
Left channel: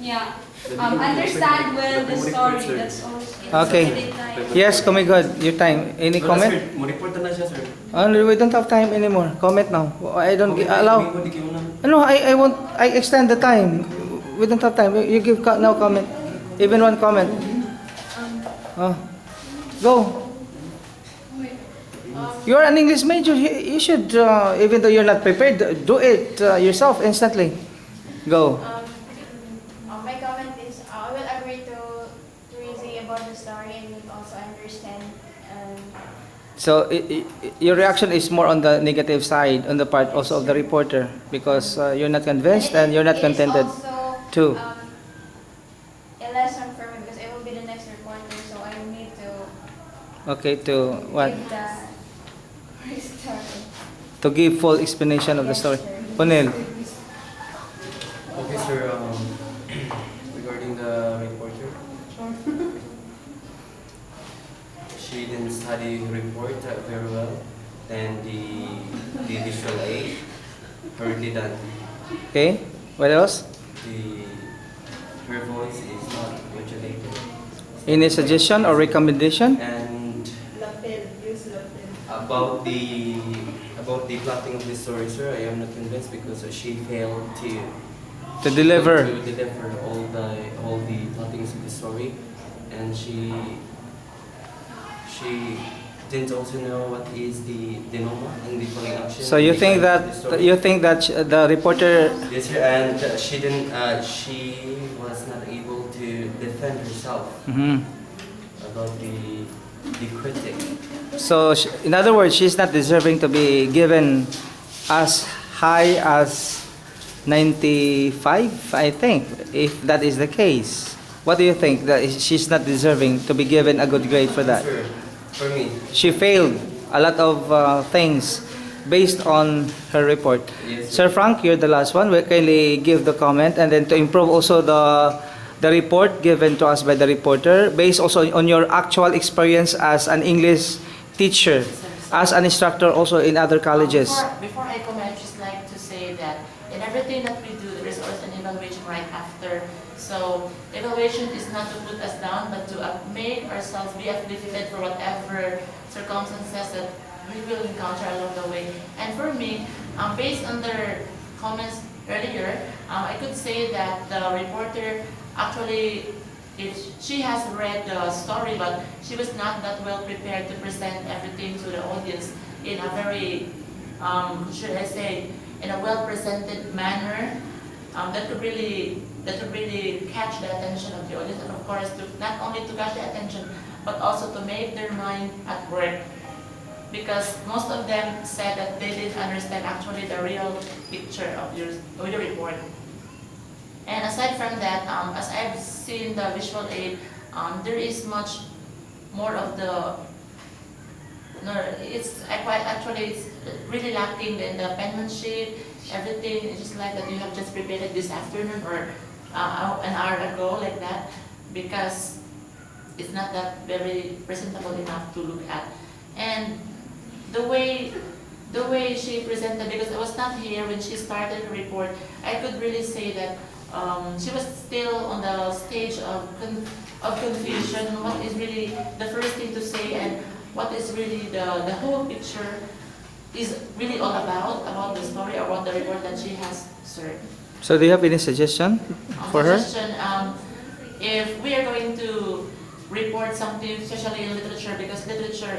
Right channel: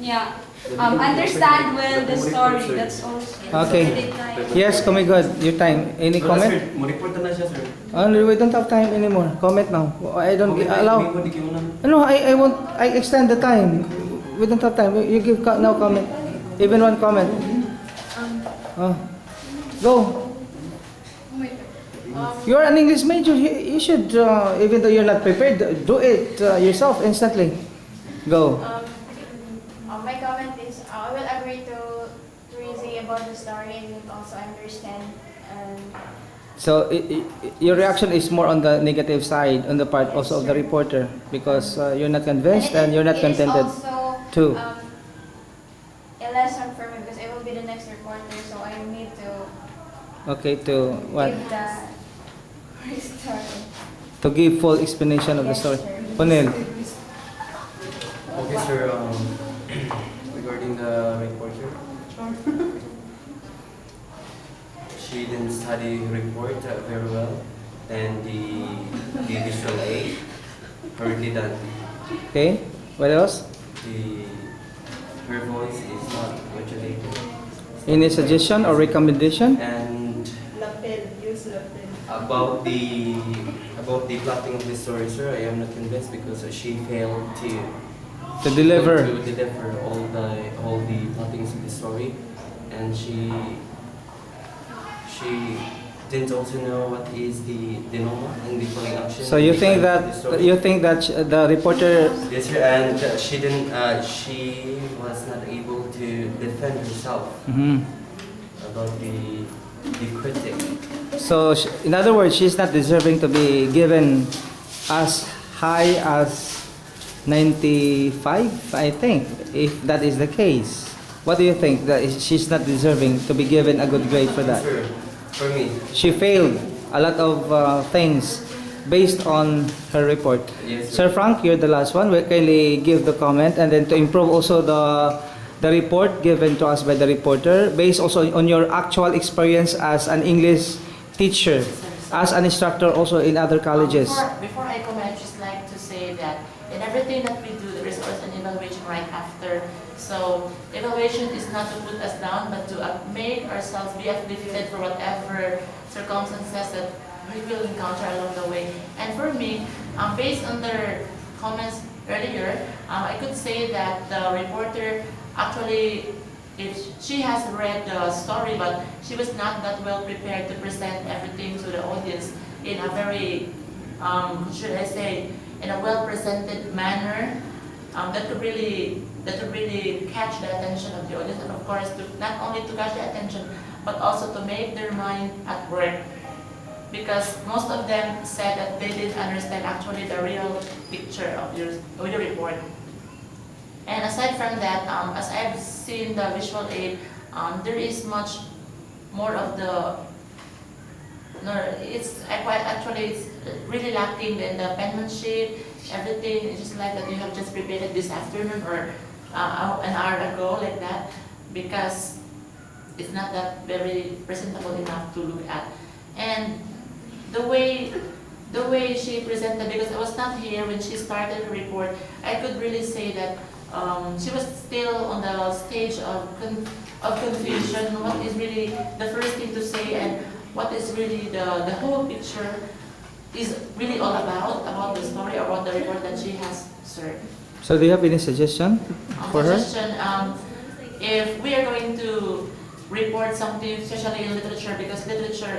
Yeah. Understand well the story. That's also. Okay. Yes, Kumigod, your time. Any comment? Mo-report na siya, sir. We don't have time anymore. Comment now. I don't allow. No, I won't. I extend the time. We don't have time. You give now comment. Even one comment. Oh. Go. You're an English major. You should, even though you're not prepared, do it yourself instantly. Go. My comment is I will agree to Rizzy about the story and will also understand. So your reaction is more on the negative side, on the part also of the reporter, because you're not convinced and you're not contented. It is also too. A lesson for me because I will be the next reporter, so I need to Okay, to what? give the story. To give full explanation of the story. Punil. Okay, sir. Regarding the reporter, she didn't study report very well, and the visual aid hardly done. Okay, what else? Her voice is not modulated, Any suggestion or recommendation? and about the plotting of the story, sir, I am not convinced because she failed To deliver. to deliver all the plottings of the story, and she didn't also know what is the denouement and the falling action. So you the think climax of the that story. the reporter? Yes, sir, and she didn't. She was not able to defend herself Mhm. about the critic. So in other words, she's not deserving to be given as high as 95, I think, if that is the case. What do you think? That she's not deserving to be given a good grade for that? Sir, for me, She failed a lot of things based on her report. yes, Sir Frank, you're the last one. We kindly give the comment and then to improve also the report given to us by the reporter based also on your actual experience as an English teacher, as an instructor also in other colleges. Before I comment, I'd just like to say that in everything that we do, there is also an evaluation right after. So evaluation is not to put us down, but to make ourselves be uplifted for whatever circumstances that we will encounter along the way. And for me, based on their comments earlier, I could say that the reporter actually she has read the story, but she was not that well prepared to present everything to the audience in a very, should I say, in a well presented manner that could really catch the attention of the audience, and of course, not only to catch the attention, but also to make their mind at work. Because most of them said that they didn't understand actually the real picture of your report. And aside from that, as I've seen the visual aid, there is much more of the, no, it's really lacking in the penmanship, everything. It's just like that you have just prepared it this afternoon or an hour ago, like that, because it's not that very presentable enough to look at. And the way she presented, because I was not here when she started the report, I could really say that she was still on the stage of confusion. What is really the first thing to say, and what is really the whole picture is really all about the story, about the report that she has served. So do you have any suggestion for her? Suggestion, if we are going to report something, especially in literature, because literature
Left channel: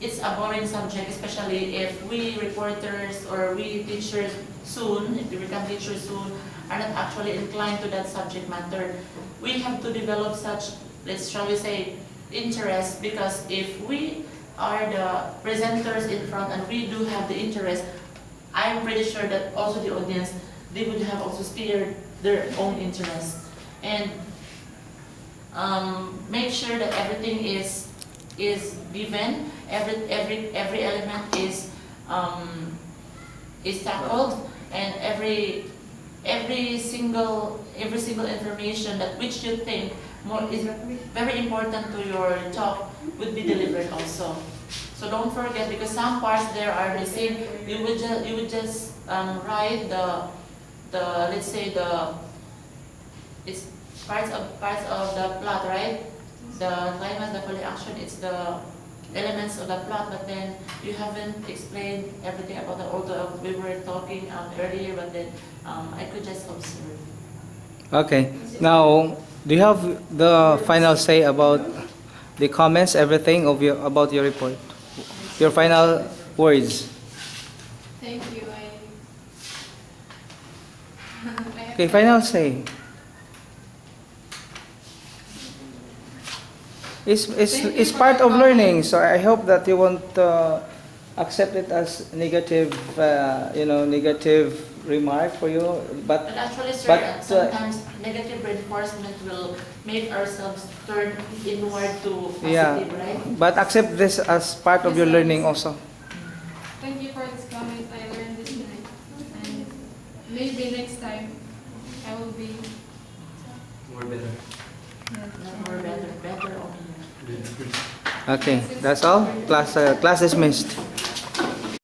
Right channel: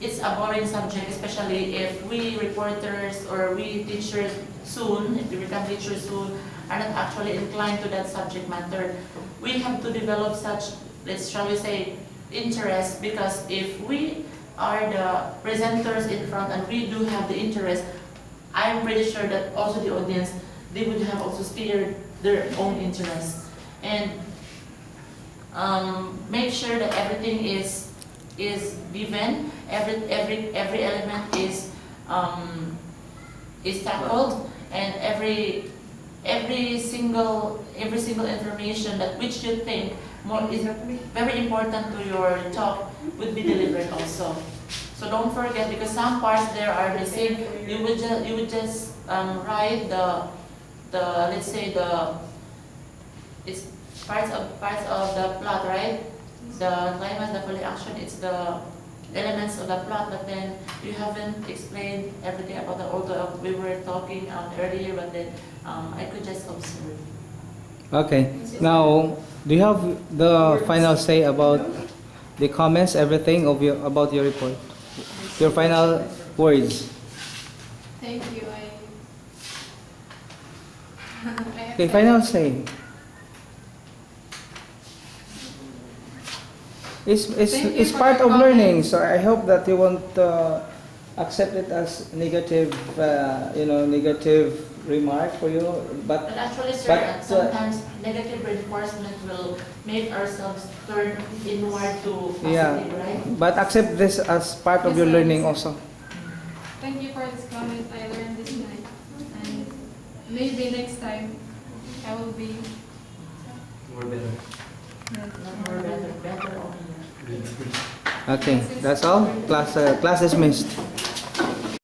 it's a boring subject, especially if we reporters or we teachers soon, if we become teachers soon, are not actually inclined to that subject matter. We have to develop such, shall we say, interest, because if we are the presenters in front and we do have the interest, I'm pretty sure that also the audience, they would have also steered their own interest. And make sure that everything is given, every element is tackled, and every single information that which you think more is very important to your talk would be delivered also. So don't forget, because some parts there are missing. You would just write the let's say it's parts of the plot, right? The climax, the folly action, it's the elements of the plot, but then you haven't explained everything about the, although we were talking earlier, but then I could just observe. Okay. Now, do you have the final say about the comments, everything of about your report? Your final words. Thank you. I Okay, final say. It's part of learning, so I hope that you won't accept it as negative, negative remark for you. But actually, sir, sometimes negative reinforcement will make ourselves turn inward to positive, right? But accept this as part of your learning also. Thank you for this comment. I learned this night, and maybe next time I will be More better. More better only. Okay, that's all. Class dismissed.